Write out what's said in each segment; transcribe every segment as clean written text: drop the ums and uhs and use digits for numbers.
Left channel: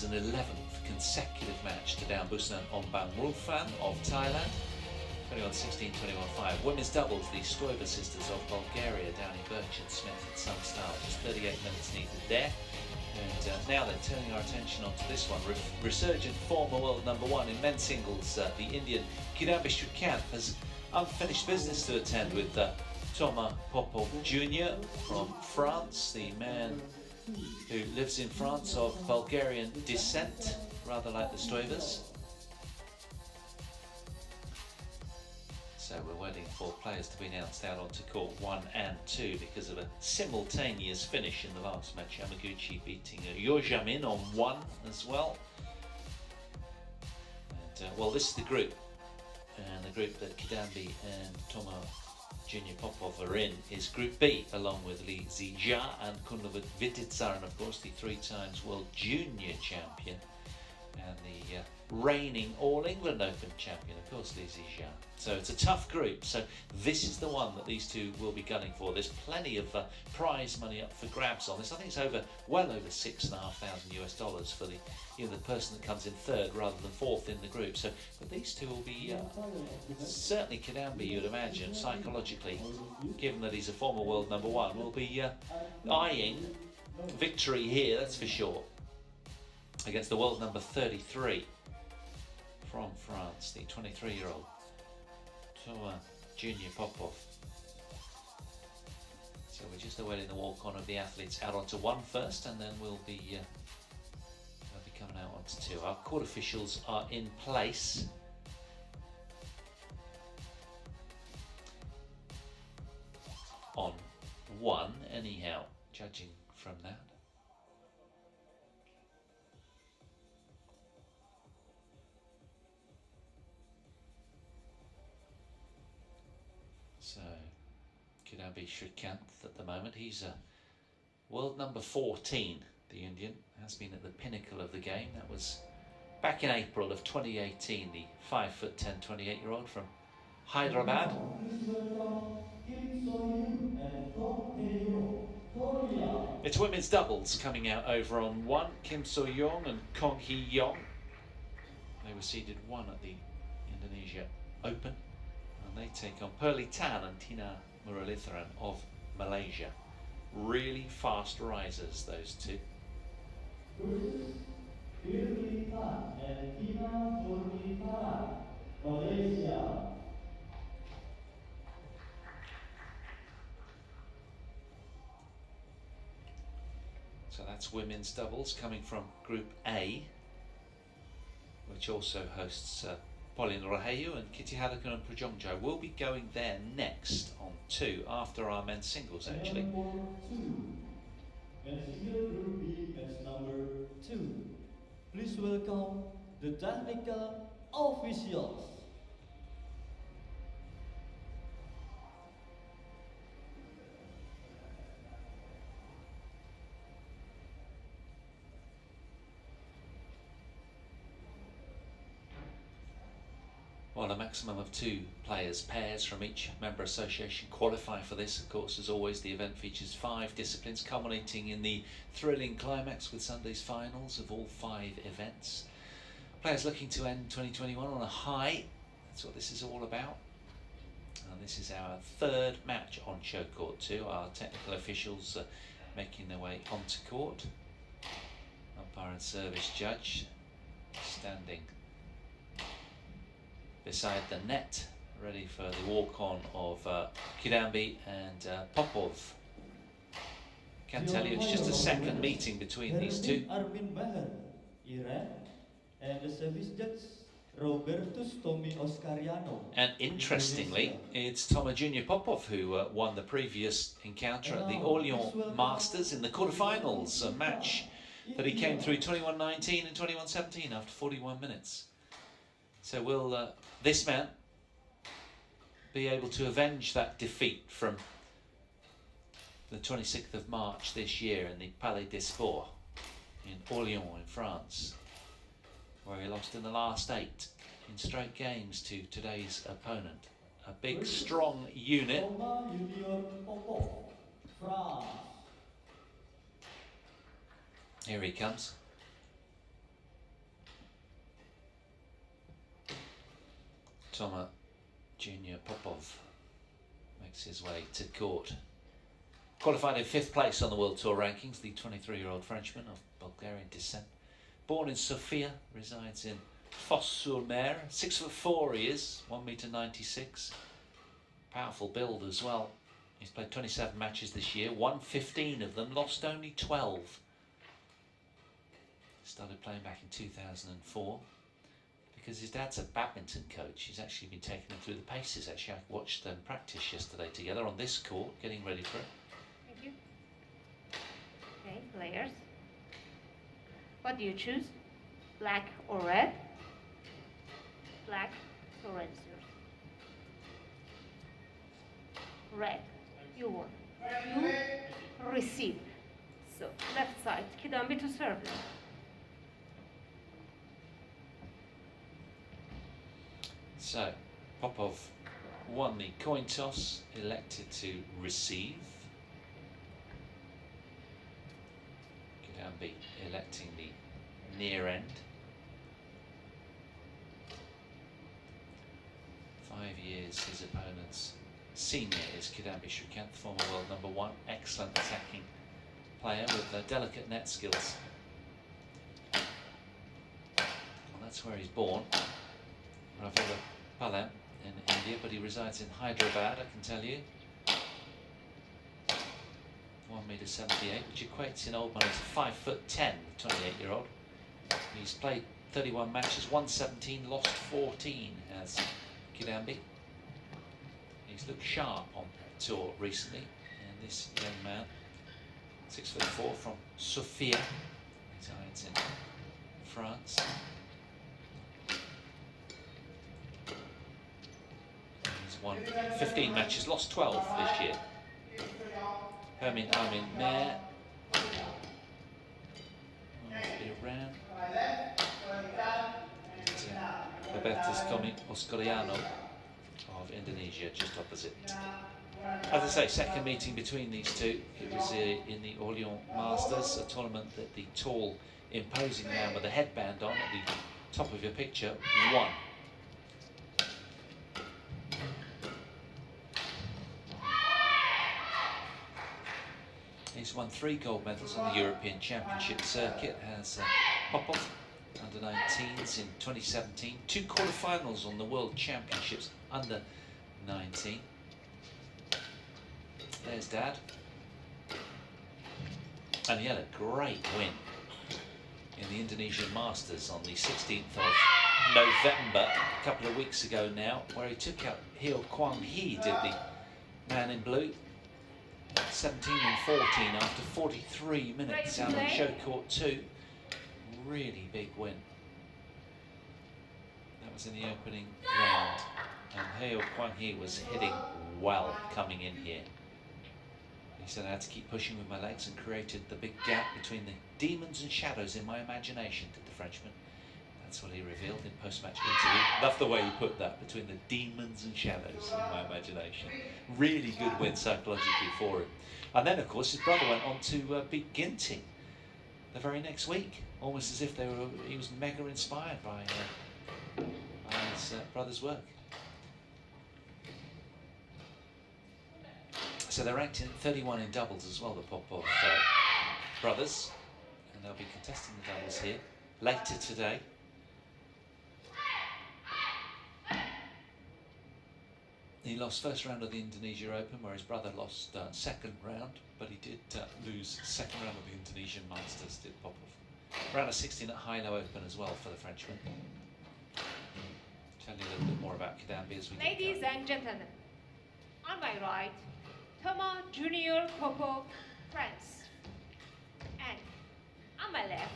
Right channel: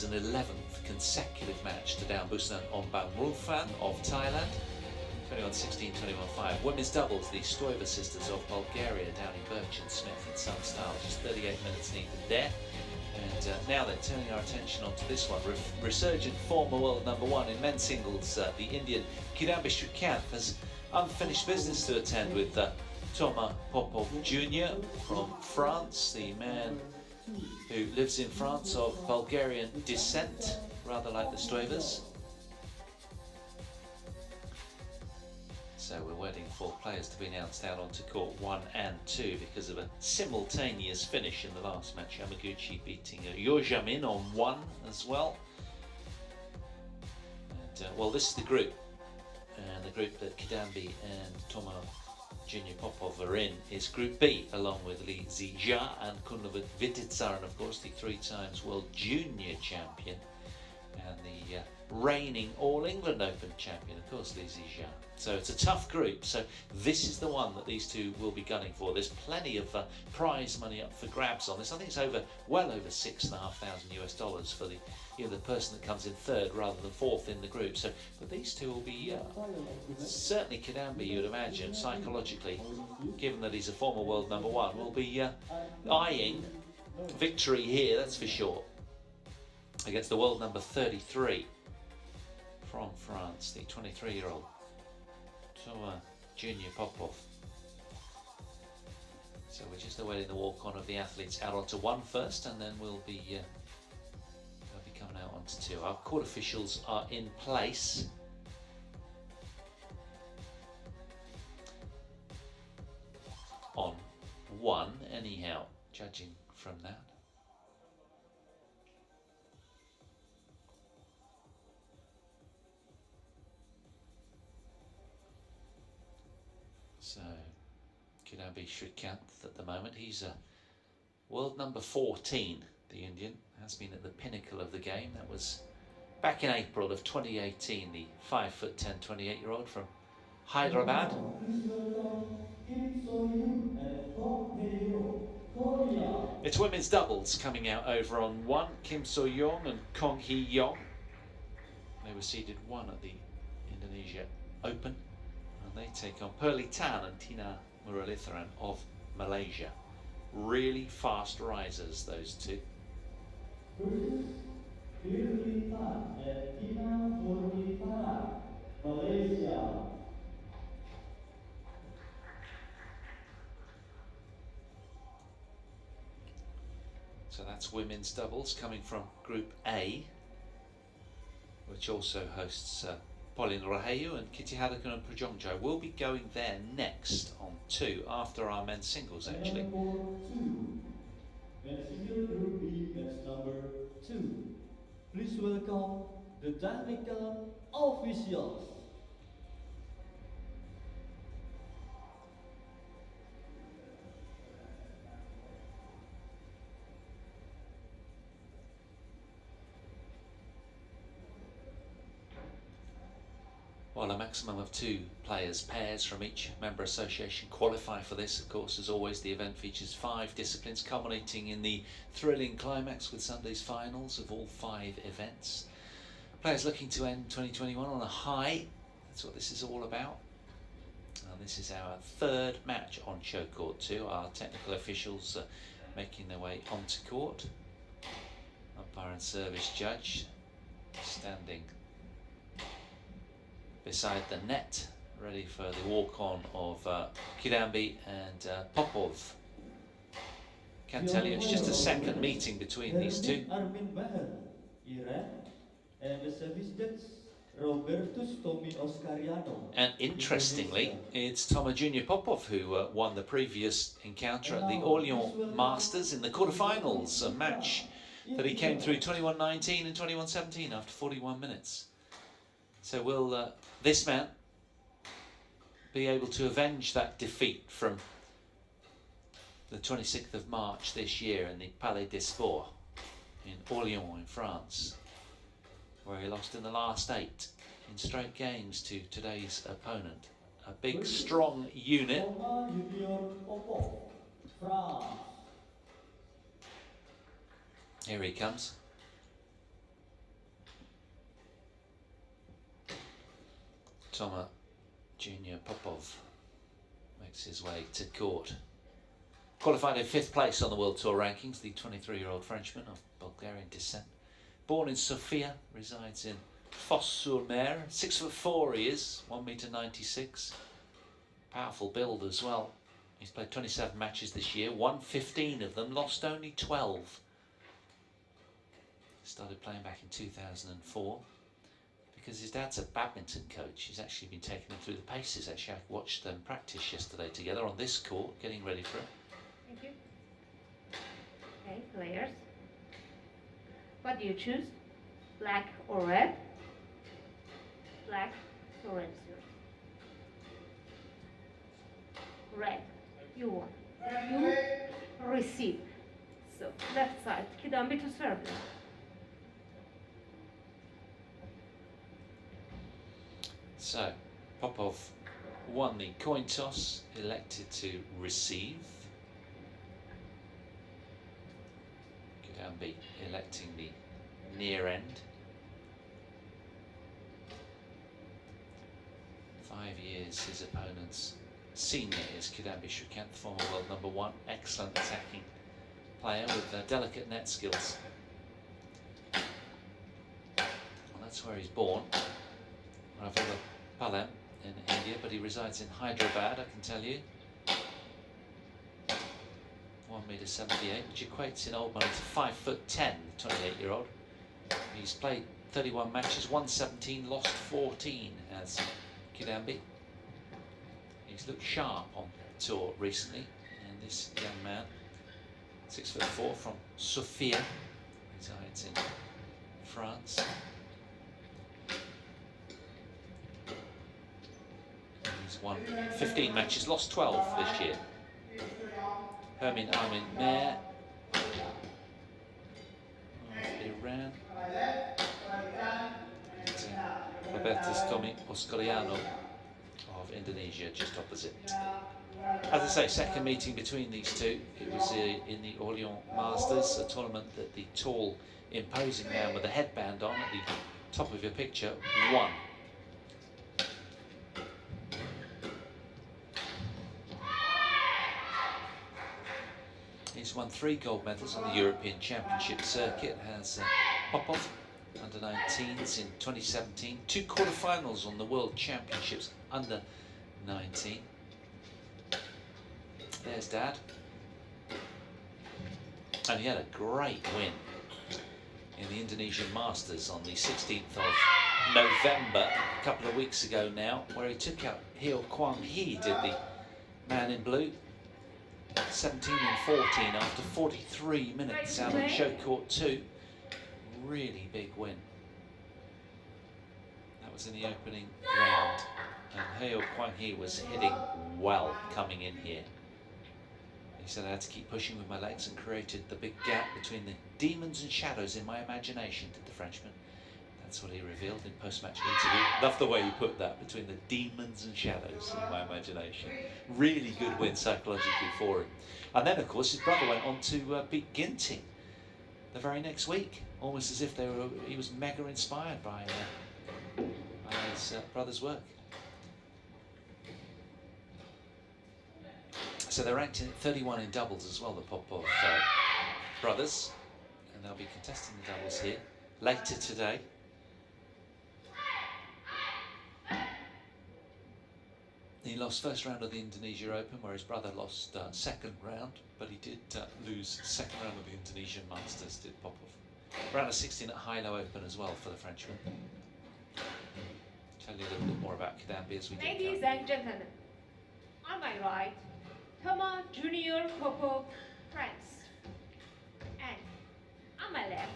wins an 11th consecutive match to down Busan Ombang of Thailand. 21-16, 21-5. Women's doubles, the Stoiber sisters of Bulgaria down in Birch and Smith in some style. Just 38 minutes needed there. And now then, turning our attention onto this one. Resurgent former world #1 in men's singles, the Indian Kidambi Srikanth has unfinished business to attend with Toma Popov Jr. from France, the man who lives in France of Bulgarian descent, rather like the Stoibers. So we're waiting for players to be announced out onto court 1 and 2 because of a simultaneous finish in the last match. Yamaguchi beating Yojamin on 1 as well. And well, this is the group. And the group that Kidambi and Toma Junior Popov are in is Group B, along with Li Zijia and Kunlevit Vititsar, of course the 3 times world junior champion and the reigning All England Open champion, of course, Li Zijia. So it's a tough group. So this is the one that these two will be gunning for. There's plenty of prize money up for grabs on this. I think it's well over $6,500 for the person that comes in 3rd rather than 4th in the group. So, but these two will be certainly Kidambi, you'd imagine, psychologically, given that he's a former world #1, will be eyeing victory here. That's for sure. Against the world #33 from France, the 23-year-old Toma Junior Popov. So we're just awaiting the walk-on of the athletes out onto 1 first, and then we'll be they'll be coming out onto 2. Our court officials are in place. On 1, anyhow, judging from that. So, Kidambi Srikanth at the moment, he's a world #14, the Indian, has been at the pinnacle of the game. That was back in April of 2018, the 5'10", 28-year-old from Hyderabad. It's women's doubles coming out over on 1, Kim So-young and Kong Hee-yong. They were seeded 1 at the Indonesia Open. And they take on Pearly Tan and Tina Muralitharan of Malaysia. Really fast risers, those two. Malaysia. So that's women's doubles coming from Group A, which also hosts Pauline Rahayu and Kitty Haddocken and Prajongjo. Will be going there next on 2 after our men's singles, actually. Men's single Group B, match #2. Please welcome the technical officials. Well, a maximum of 2 pairs from each member association qualify for this. Of course, as always, the event features 5 disciplines, culminating in the thrilling climax with Sunday's finals of all 5 events. Players looking to end 2021 on a high. That's what this is all about. And this is our 3rd match on show court 2. Our technical officials making their way onto court. Umpire and service judge standing beside the net, ready for the walk-on of Kidambi and Popov. Can't tell you, it's just a second meeting between these two. And interestingly, it's Toma Junior Popov who won the previous encounter at the Orléans Masters in the quarterfinals, a match that he came through 21-19 and 21-17 after 41 minutes. So will this man be able to avenge that defeat from the 26th of March this year in the Palais des Sports in Orléans in France, where he lost in the last 8 in straight games to today's opponent? A big, strong unit. Here he comes. Toma Junior Popov makes his way to court. Qualified in 5th place on the World Tour rankings, the 23-year-old Frenchman of Bulgarian descent. Born in Sofia, resides in Fos-sur-Mer. 6'4" he is, 1m96. Powerful build as well. He's played 27 matches this year, won 15 of them, lost only 12. Started playing back in 2004 because his dad's a badminton coach. He's actually been taking him through the paces. Actually, I watched them practice yesterday together on this court, getting ready for it. Thank you. Okay, players. What do you choose? Black or red? Black or red, sir? Red. You won. You receive. So, left side. Kidambi to serve. So, Popov won the coin toss, elected to receive. Kidambi electing the near end. 5 years his opponent's senior is Kidambi Srikanth, former world #1, excellent attacking player with delicate net skills. Well, that's where he's born, Ravilapalem in India, but he resides in Hyderabad, I can tell you. 1m78, which equates in old money to 5'10", the 28-year-old. He's played 31 matches, won 17, lost 14 as Kidambi. He's looked sharp on tour recently, and this young man, 6'4", from Sofia, resides in France. He's won 15 matches, lost 12 this year. Hermin Armin Mayer of Iran. And Robertus Tomi Oscoriano of Indonesia, just opposite. As I say, second meeting between these two. It was in the Orléans Masters, a tournament that the tall, imposing man with a headband on at the top of your picture won. He's won 3 gold medals on the European Championship circuit, has Popov under 19s in 2017, 2 quarterfinals on the World Championships under 19. There's Dad. And he had a great win in the Indonesian Masters on the 16th of November, a couple of weeks ago now, where he took out Heo Kwang Hee, did the man in blue. 17 and 14 after 43 minutes out on show court 2. Really big win. That was in the opening round, and Heo Kwang Hee was hitting well coming in here. He said, I had to keep pushing with my legs and created the big gap between the demons and shadows in my imagination, did the Frenchman. That's what he revealed in post-match interview. Love the way you put that, between the demons and shadows in my imagination. Really good win psychologically for him. And then, of course, his brother went on to beat Ginting the very next week, almost as if he was mega inspired by his brother's work. So they're ranked in 31 in doubles as well, the Popov brothers, and they'll be contesting the doubles here later today. He lost first round of the Indonesia Open, where his brother lost second round, but he did lose second round of the Indonesian Masters, did Popov. Round of 16 at Hilo Open as well for the Frenchman. Tell you a little bit more about Kidambi as we get going. Ladies and gentlemen, on my right, Toma Junior Popov, France. And on my left,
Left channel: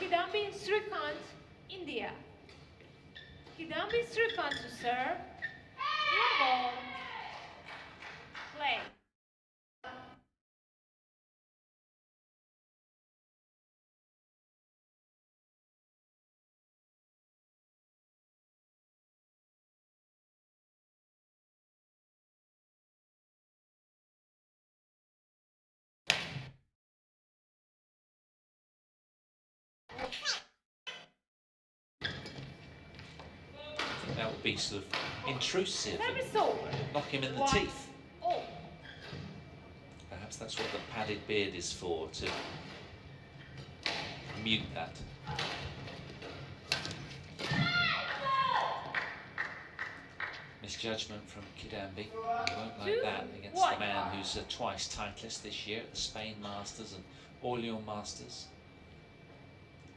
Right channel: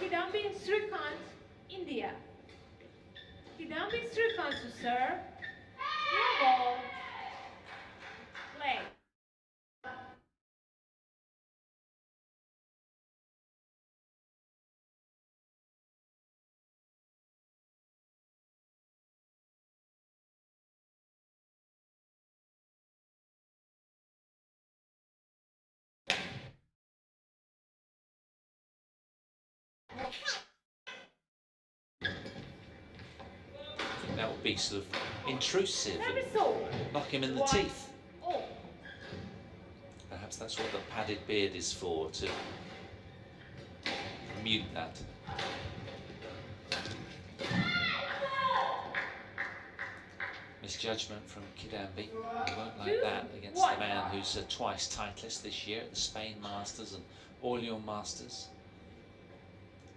Kidambi Srikanth, India. Kidambi Srikanth to serve. Ball. Play. I think that will be sort of intrusive and Service over. knock him in the 1 teeth. all. Perhaps that's what the padded beard is for, to mute that. Misjudgment from Kidambi. He won't like that against the man who's a twice titleist this year at the Spain Masters and Orléans Masters.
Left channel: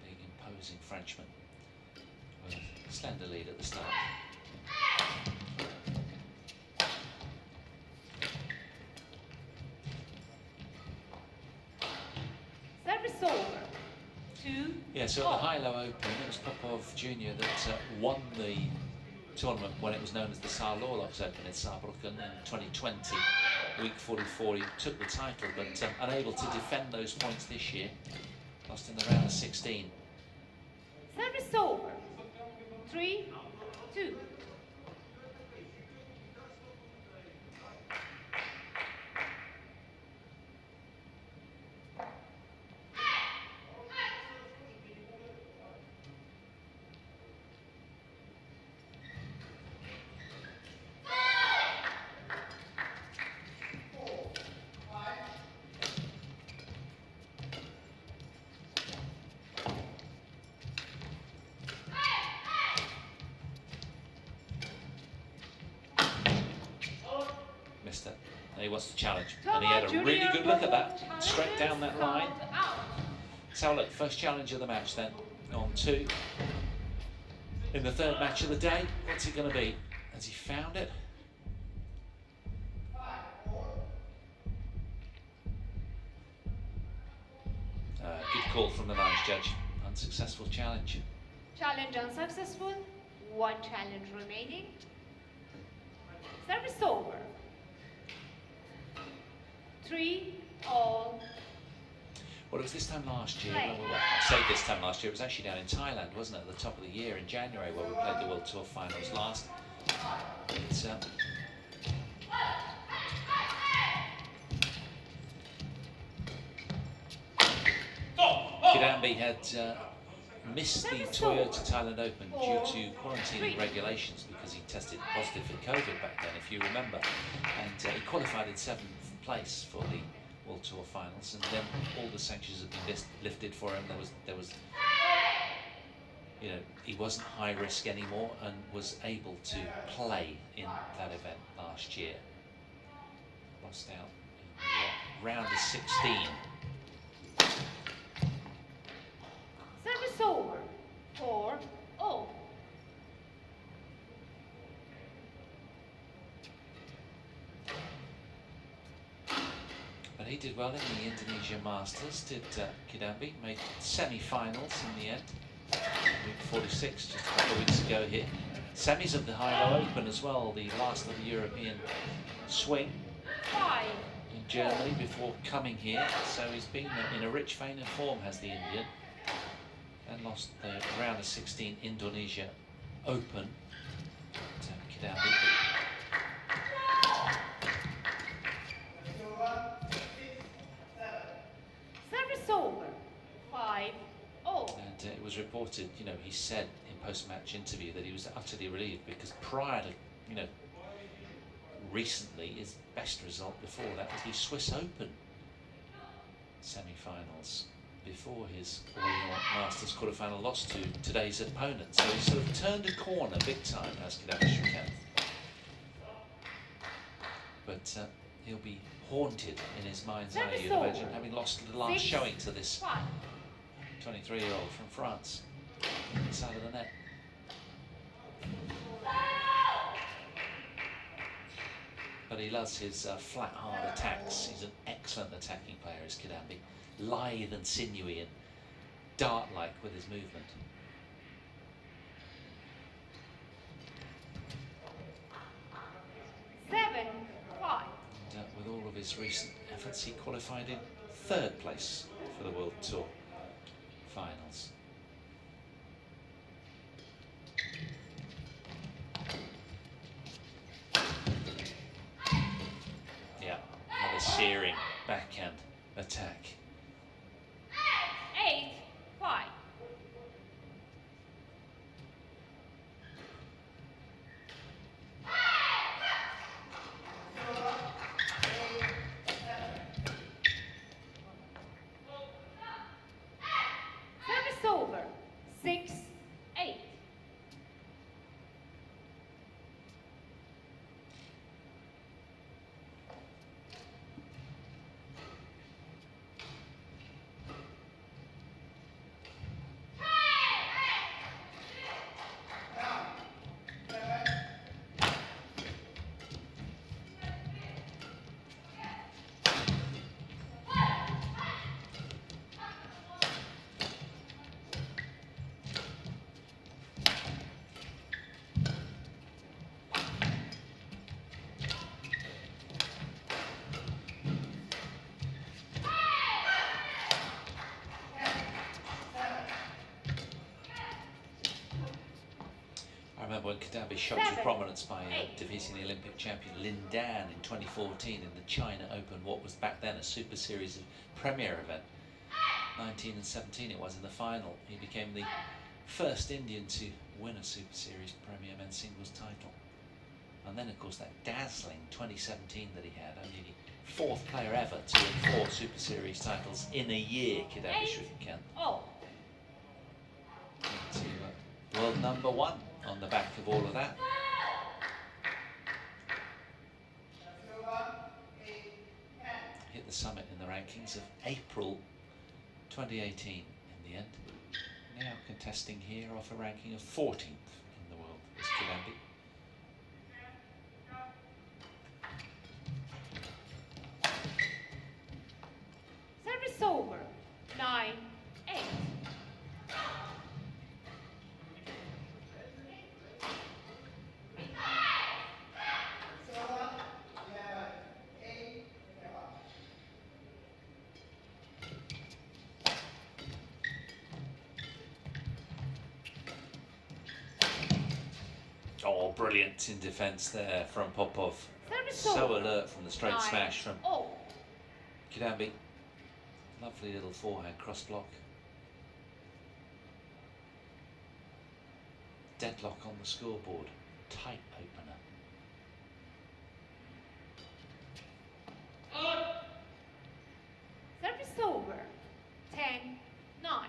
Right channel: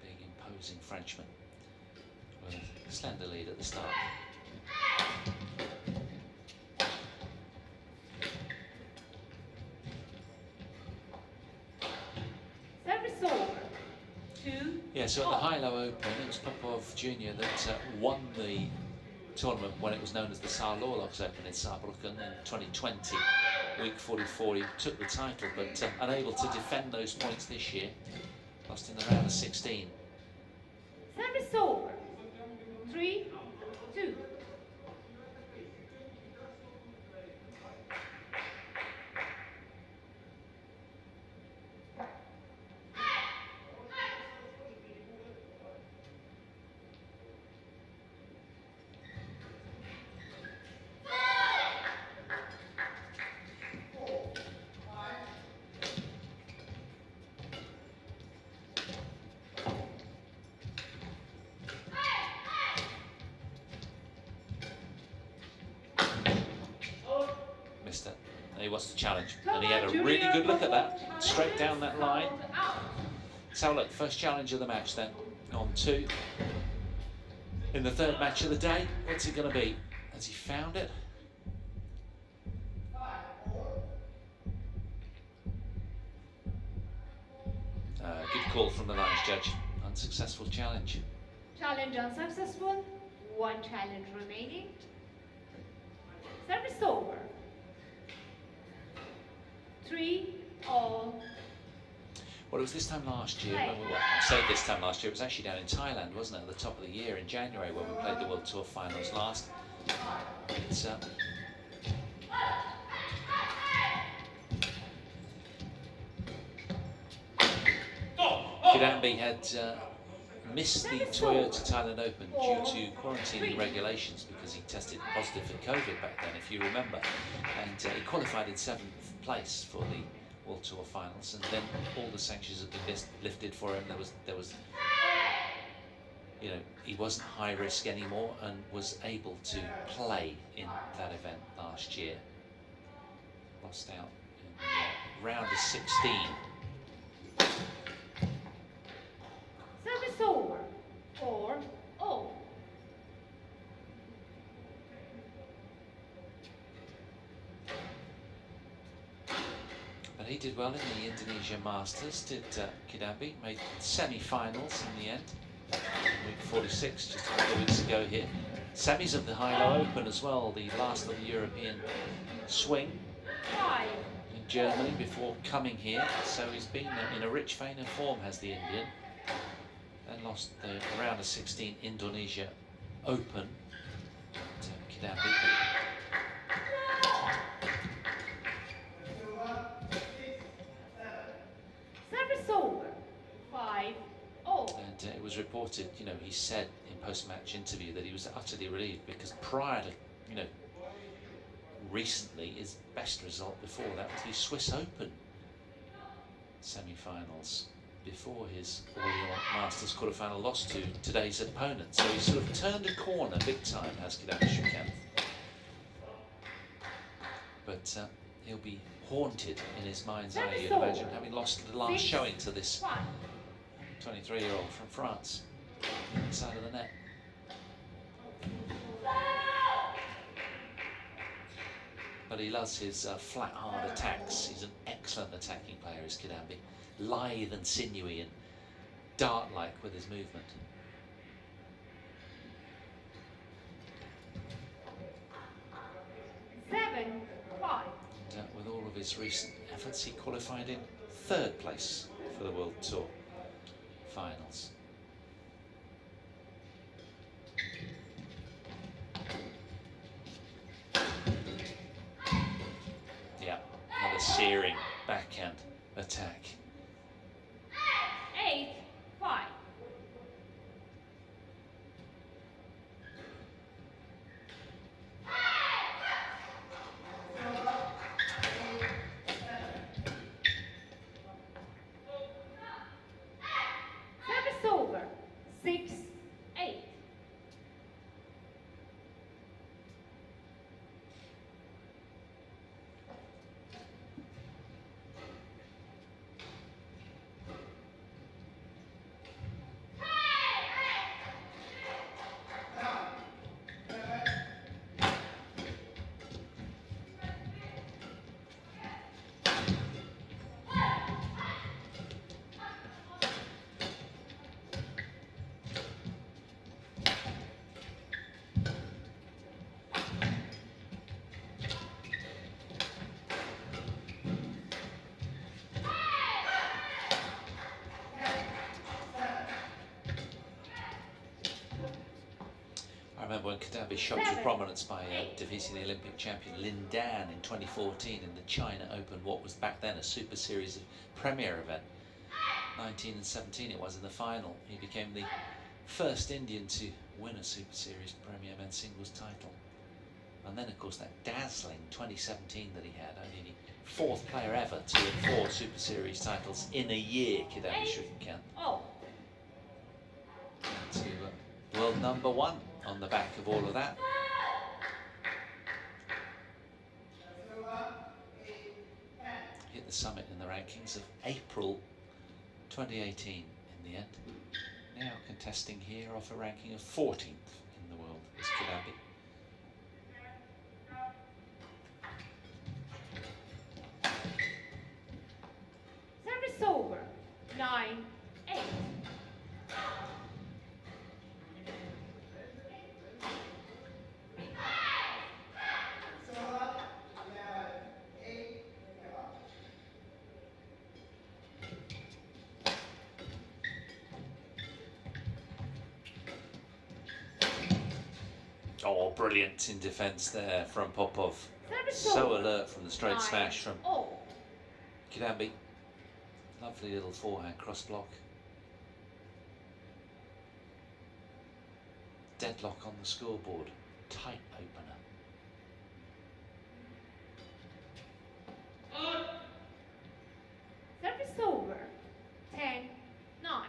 Big imposing Frenchman with a slender lead at the start. Service over. 2. Yeah, so at the Hilo Open, it was Popov Jr. that won the tournament when it was known as the Saarlorlox Open in Saarbrücken in 2020. Week 44, he took the title, but unable to defend those points this year. Lost in the round of 16. Service over. 3, 2. Missed it. He wants to challenge, and he had a really good look at that, straight down that line. So look, first challenge of the match then, on 2. In the third match of the day, what's it going to be? Has he found it? Good call from the lines judge. Unsuccessful challenge. Challenge unsuccessful. 1 challenge remaining. Service over. 3 all. Well, it was this time last year, when I say this time last year, it was actually down in Thailand, wasn't it, at the top of the year in January, where we played the World Tour finals last. It's, Kidambi had missed the Toyota Thailand Open due to quarantining regulations because he tested positive for COVID back then, if you remember. And he qualified in 7th place for the World Tour finals, and then all the sanctions had been lifted for him. There was, you know, he wasn't high risk anymore and was able to play in that event last year. Lost out in the round of 16. Service over. 4 all. But he did well in the Indonesia Masters, did Kidambi. Made semi-finals in the end. Week 46, just a couple of weeks ago here. Semis of the Hilo Open as well, the last of the European swing 5. in Germany before coming here. So he's been in a rich vein of form, has the Indian. And lost the round of 16 Indonesia Open to Kidambi. Service over. 5 all. And it was reported, you know, he said in post-match interview that he was utterly relieved because prior to, you know, recently his best result before that was the Swiss Open semi-finals before his Orléans Masters quarterfinal loss to today's opponent. So he sort of turned a corner big time, has Kidambi Srikanth. But he'll be haunted in his mind's eye, you'd imagine, having lost the last showing to this 23-year-old from France, inside of the net. But he loves his flat, hard attacks. He's an excellent attacking player, is Kidambi. Lithe and sinewy and dart-like with his movement. Seven, 5. And with all of his recent efforts, he qualified in 3rd place for the World Tour finals. Yeah, another searing backhand attack. 8, 5. 6, 8. I remember when Kidambi shot to prominence by defeating the Olympic champion Lin Dan in 2014 in the China Open, what was back then a Super Series of Premier event. 19 and 17 it was in the final. He became the first Indian to win a Super Series Premier men's singles title. And then, of course, that dazzling 2017 that he had, only the 4th player ever to win 4 Super Series titles in a year, Kidambi Srikanth. Oh. To world #1 on the back of all of that. Hit the summit in the rankings of April 2018 in the end. Now contesting here off a ranking of 14th in the world is Kidambi. Service over. 9, 8. Oh, brilliant in defence there from Popov. So alert from the straight smash from Kidambi. Lovely little forehand cross block. Deadlock on the scoreboard. Tight opener. Service over. 10, 9.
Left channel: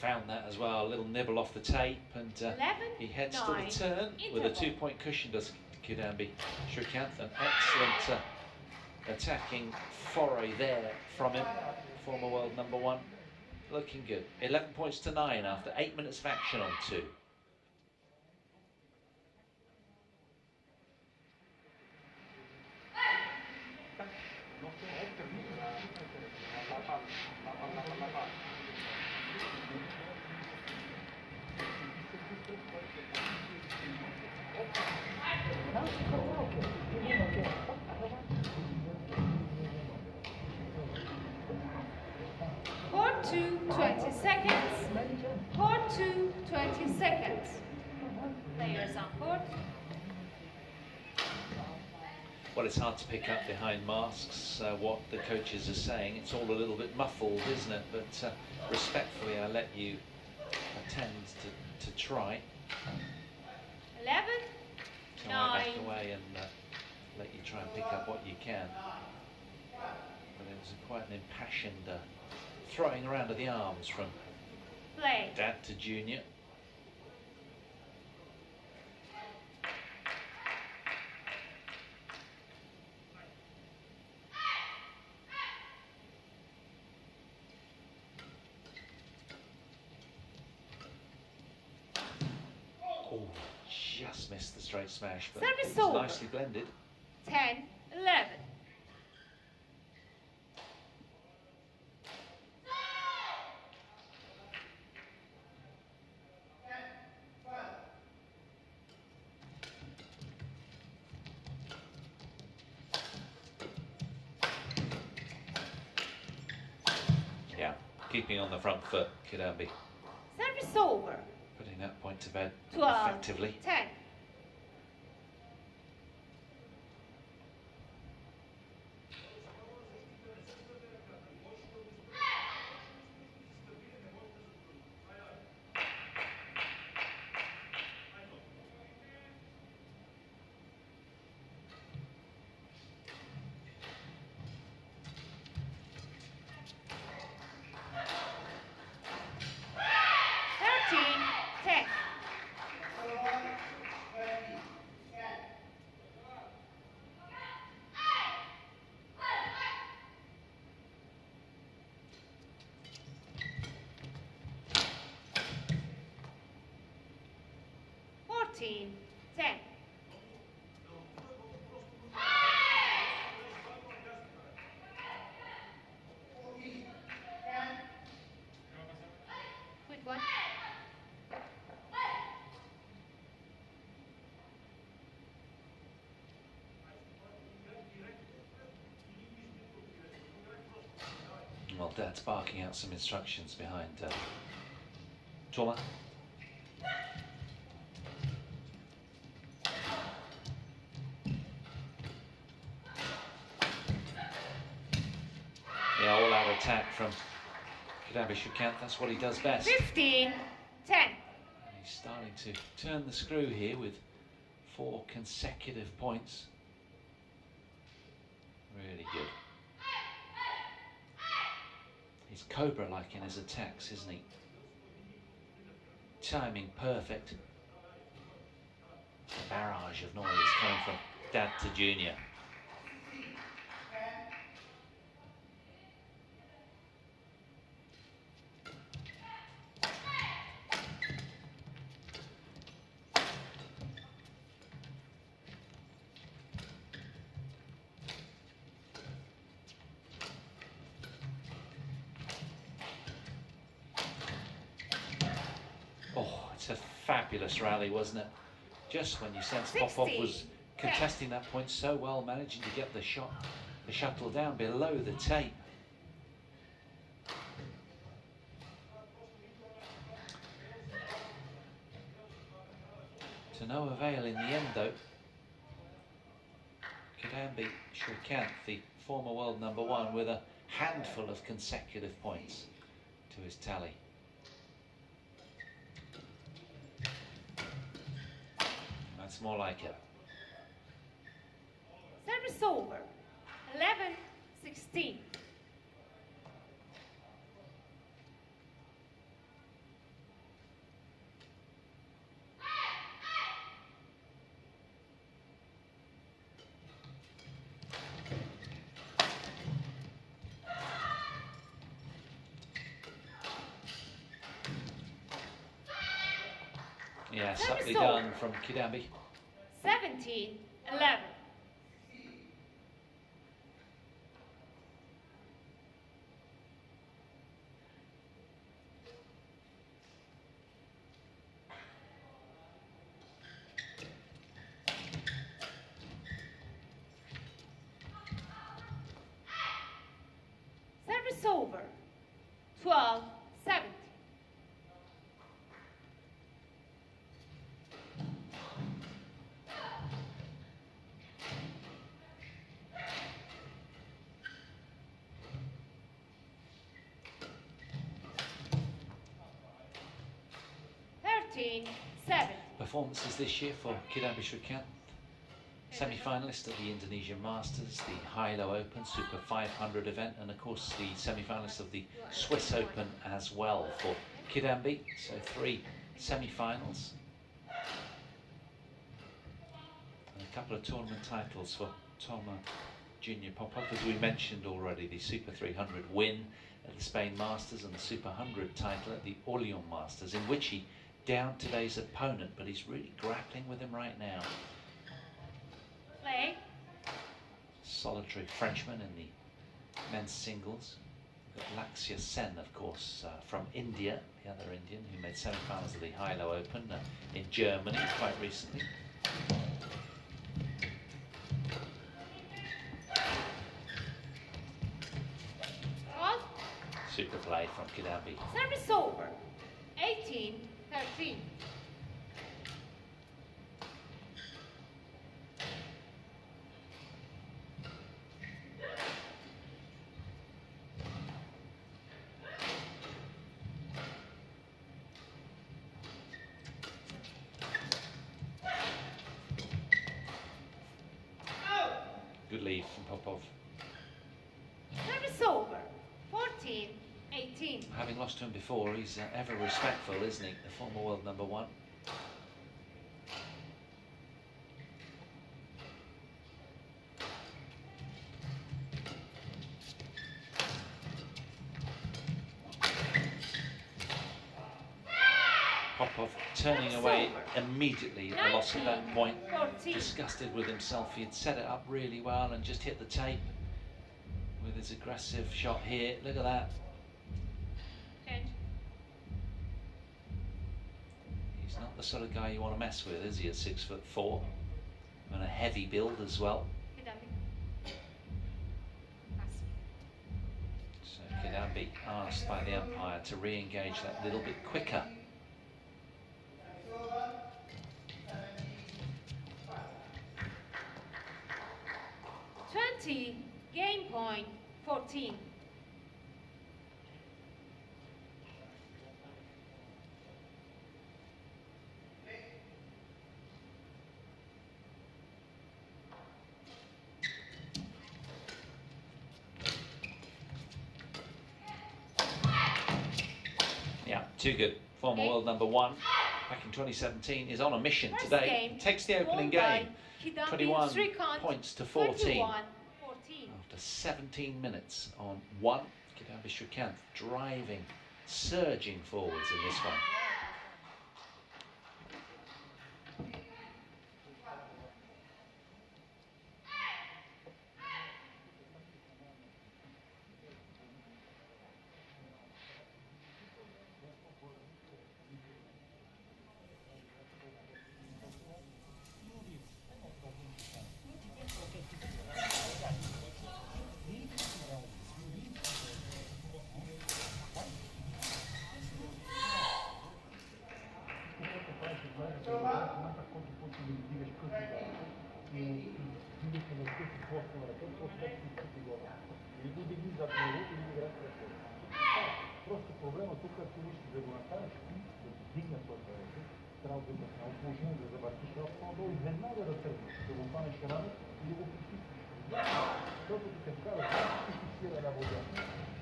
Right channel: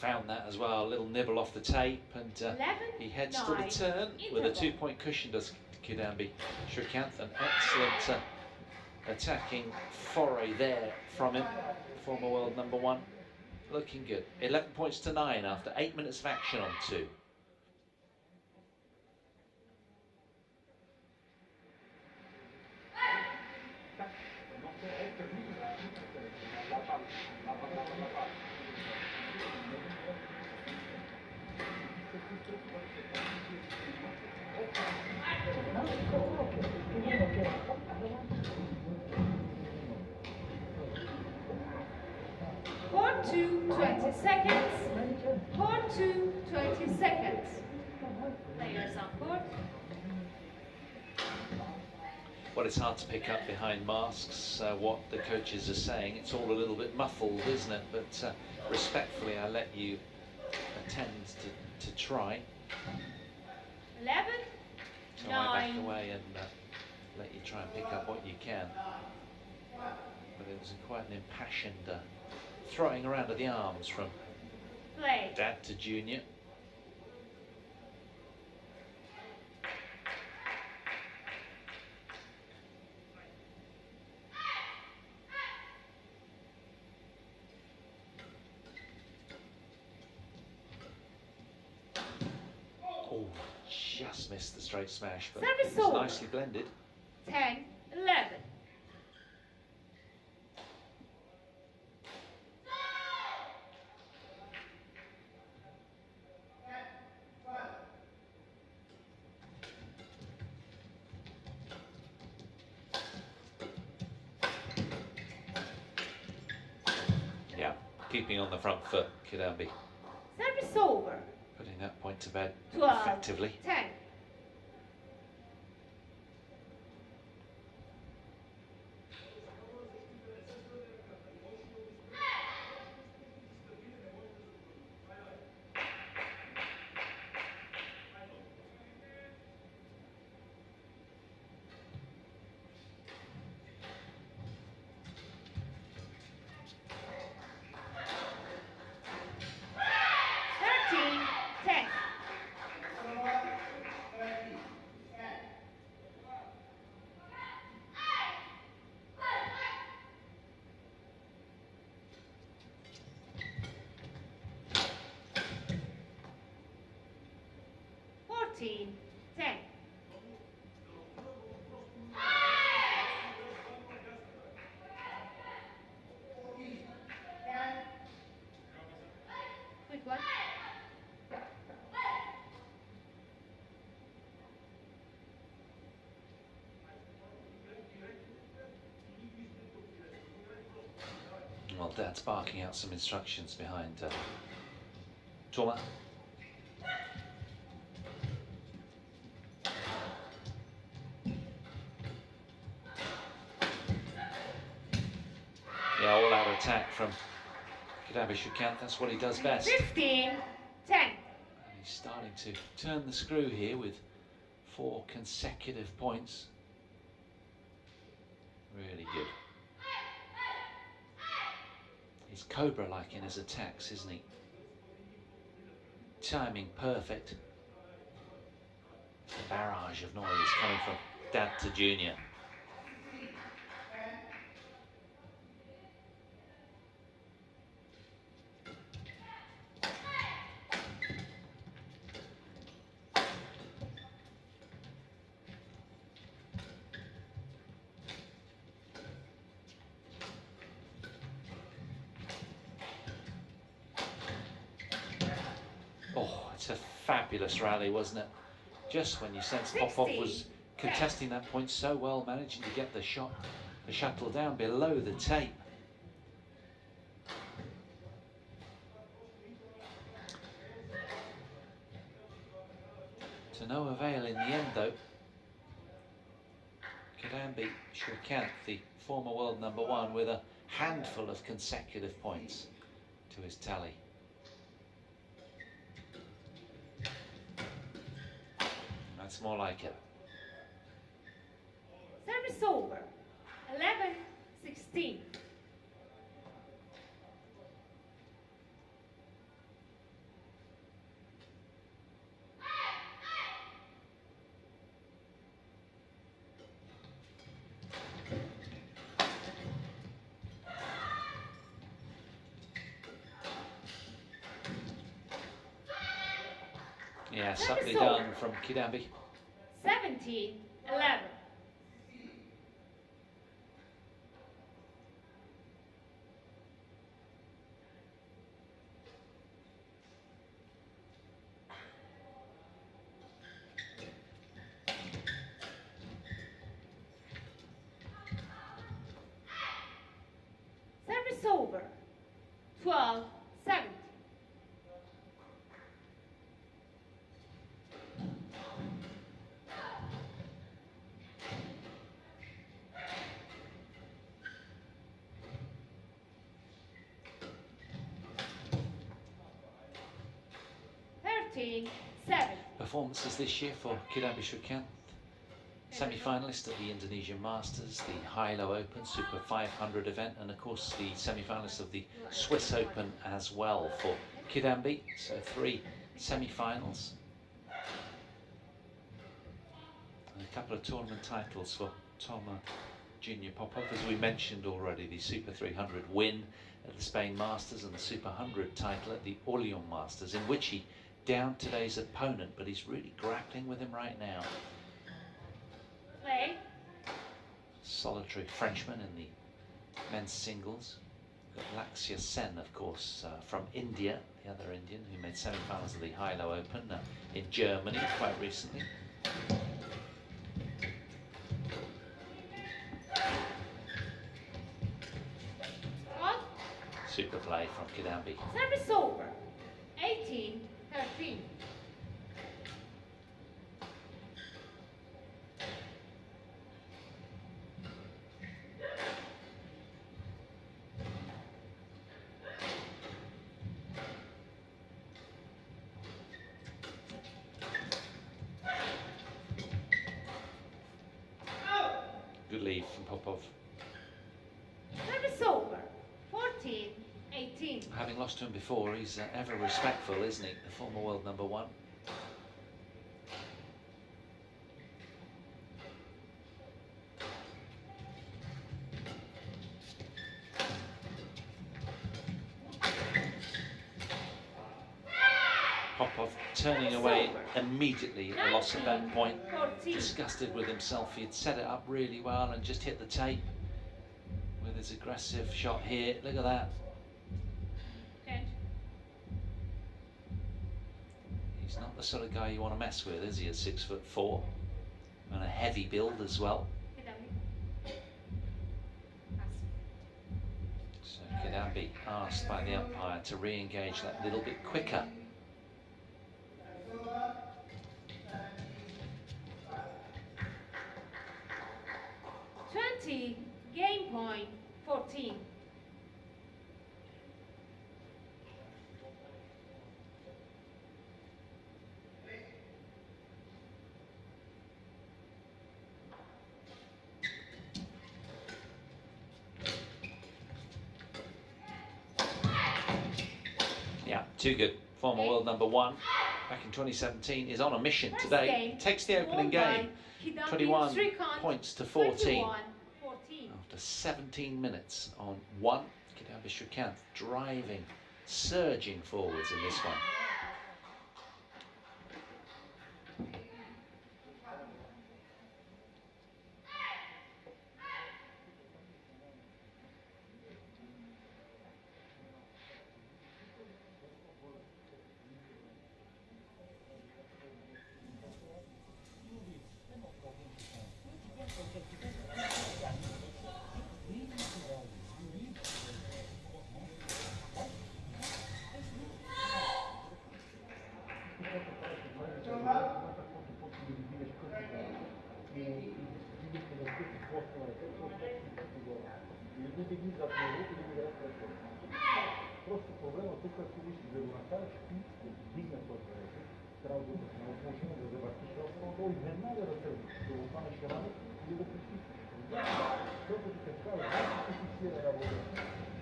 Found that as well, a little nibble off the tape, and he heads to the turn with a 2-point cushion, does Kidambi Srikanth. An excellent attacking foray there from him, former world #1. Looking good. 11 points to 9 after 8 minutes of action on 2. Court 2, 20 seconds. Court 2, 20 seconds. Players on court. Well, it's hard to pick up behind masks what the coaches are saying. It's all a little bit muffled, isn't it? But respectfully, I let you attend to try. 11, So 9. I back away and let you try and pick up what you can. But it was quite an impassioned throwing around of the arms from Play. dad to junior. Oh, just missed the straight smash, but Service it was over. nicely blended. 10, 11. Yeah, keeping on the front foot, Kidambi. Service over. Putting that point to bed 12, effectively. 10. Ten. Good one. Well, Dad's barking out some instructions behind Toma. Yeah, all-out attack from Kidambi Srikanth. That's what he does best. 15, 10. And he's starting to turn the screw here with 4 consecutive points. Really good. He's Cobra-like in his attacks, isn't he? Timing perfect. It's a barrage of noise coming from Dad to Junior. Oh, it's a fabulous rally, wasn't it? Just when you sense Popov was contesting that point so well, managing to get the shuttle down below the tape. To no avail in the end, though. Kidambi Srikanth, the former world #1, with a handful of consecutive points to his tally. That's more like it. Service over. 11, 16. Yeah, subtly done from Kidambi. 17, 11. Service over. 12, 17. Performances this year for Kidambi Srikanth. Semi-finalist at the Indonesian Masters, the Hilo Open Super 500 event, and of course the semi-finalist of the Swiss Open as well for Kidambi. So 3 semi-finals. And a couple of tournament titles for Toma Junior Popov, as we mentioned already, the Super 300 win at the Spain Masters and the Super 100 title at the Orléans Masters, in which he downed today's opponent, but he's really grappling with him right now. Play. Solitary Frenchman in the men's singles. We've got Lakshya Sen, of course, from India, the other Indian who made semi-finals of the Hilo Open in Germany quite recently. Super play from Kidambi. Service over. 18, 13. Good lead from Popov. Service over. 14, 18. Having lost to him before, he's ever respectful, isn't he? The former world number one. Popov turning away immediately at the loss of that point. 14. Disgusted with himself. He had set it up really well and just hit the tape with his aggressive shot here. Look at that. 10. He's not the sort of guy you want to mess with, is he, at 6'4" and a heavy build as well. Kidambi. So Kidambi asked by the umpire to re-engage that little bit quicker. 20, game point, 14. Yeah, too good. Former world number one back in 2017 is on a mission today. Takes the opening game. 21 points to 14 after 17 minutes on one. Kidambi Srikanth driving, surging forwards in this one. Просто проблема тук е, да го направиш и да дигне твоята ръка, трябва да бъдеш много сложно, да завъртиш лапно долу и веднага да тръгнеш, да го хванеш рано и да го притиснеш. Защото ти се казва, да се фиксира на водата,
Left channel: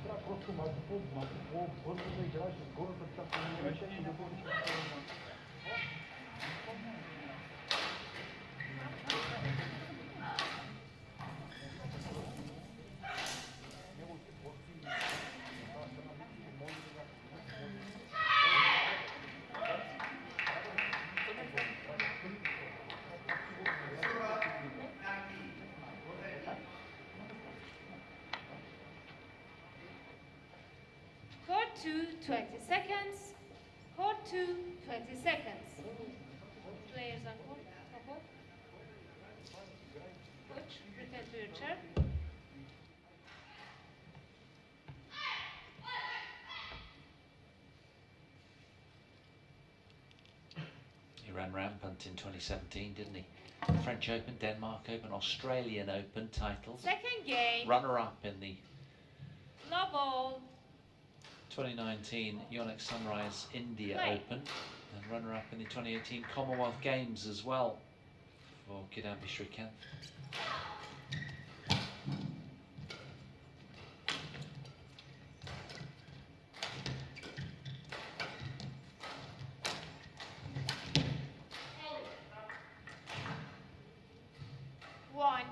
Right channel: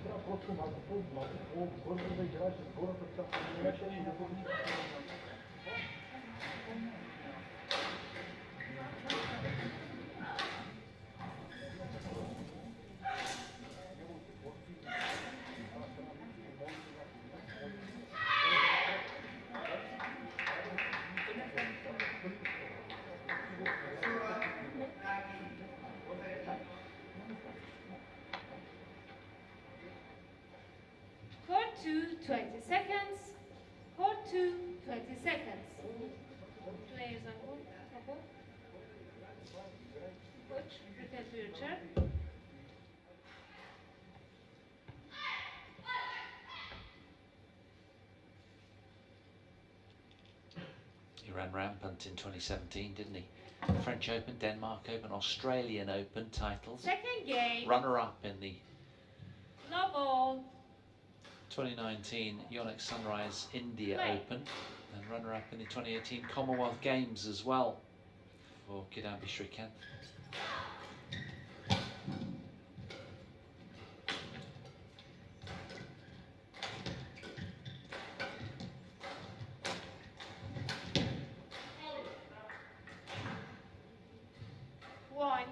трябва просто малко по-бързо да играеш с горната част на мрежа и да бъдеш по-бързо. For 20 seconds. For 20 seconds. Players are Popov. Coach, return to your chair. He ran rampant in 2017, didn't he? French Open, Denmark Open, Australian Open titles. Second game. Runner-up in the No ball. 2019 Yonex Sunrise India Open, and runner-up in the 2018 Commonwealth Games as well for Kidambi Srikanth. One.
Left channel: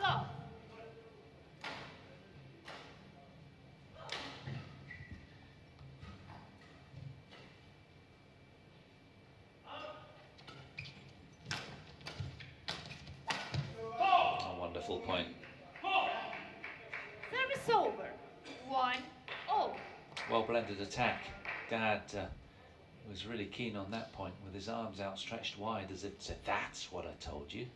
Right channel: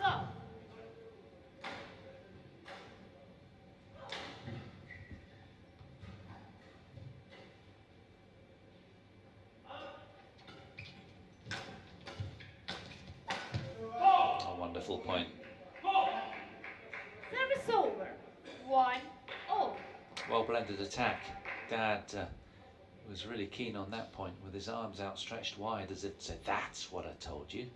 Low. A wonderful point. Service over. 1-0. Well blended attack. Dad was really keen on that point with his arms outstretched wide as if to say, that's what I told you.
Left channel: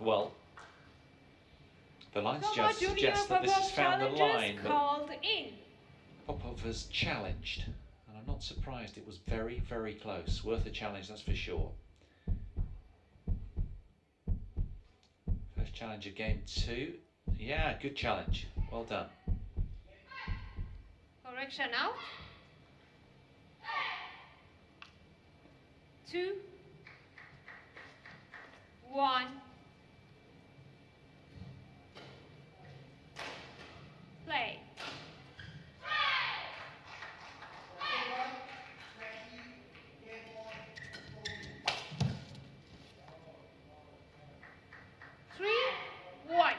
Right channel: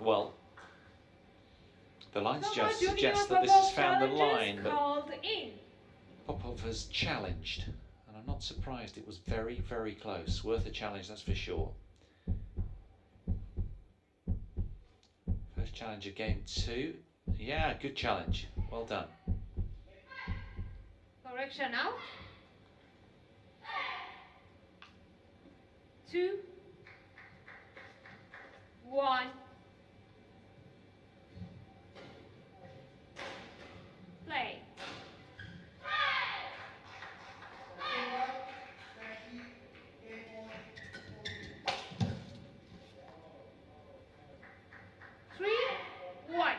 Well, the lines Toma just Junior suggest that this World has found the Challenges line, but called in. Popov has challenged, and I'm not surprised. It was very, very close. Worth a challenge, that's for sure. First challenge of game 2. Yeah, good challenge. Well done. Correction out. 2, 1. Play. Three, 1.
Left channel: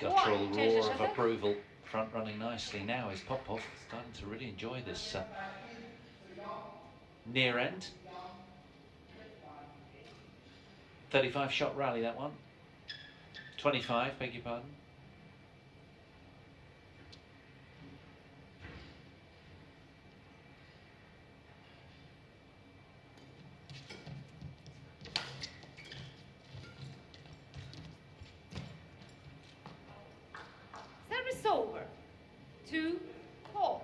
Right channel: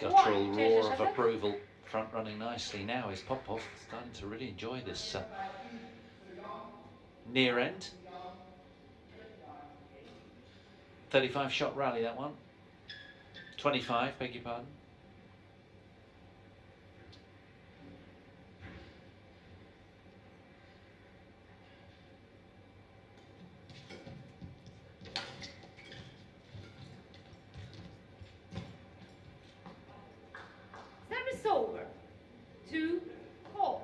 Guttural roar of approval. Front running nicely now is Popov. Starting to really enjoy this near end. 35 shot rally, that one. 25, beg your pardon. Service over. 2, 4.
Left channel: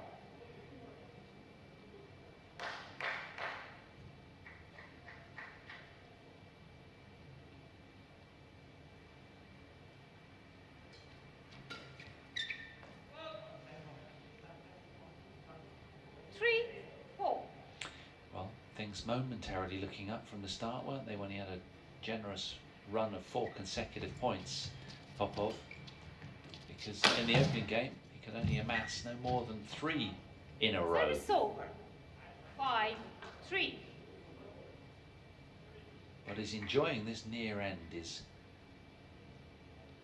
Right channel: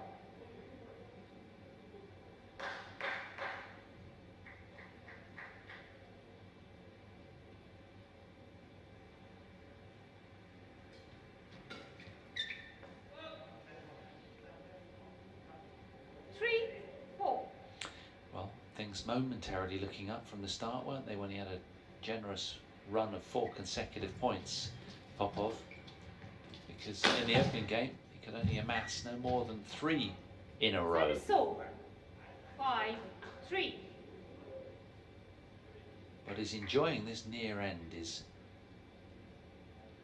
Well, things momentarily looking up from the start, weren't they, when he had a generous run of 4 consecutive points, Popov? Because in the opening game, he could only amass no more than 3 in a row. Service over. 5, 3. But he's enjoying this near end, is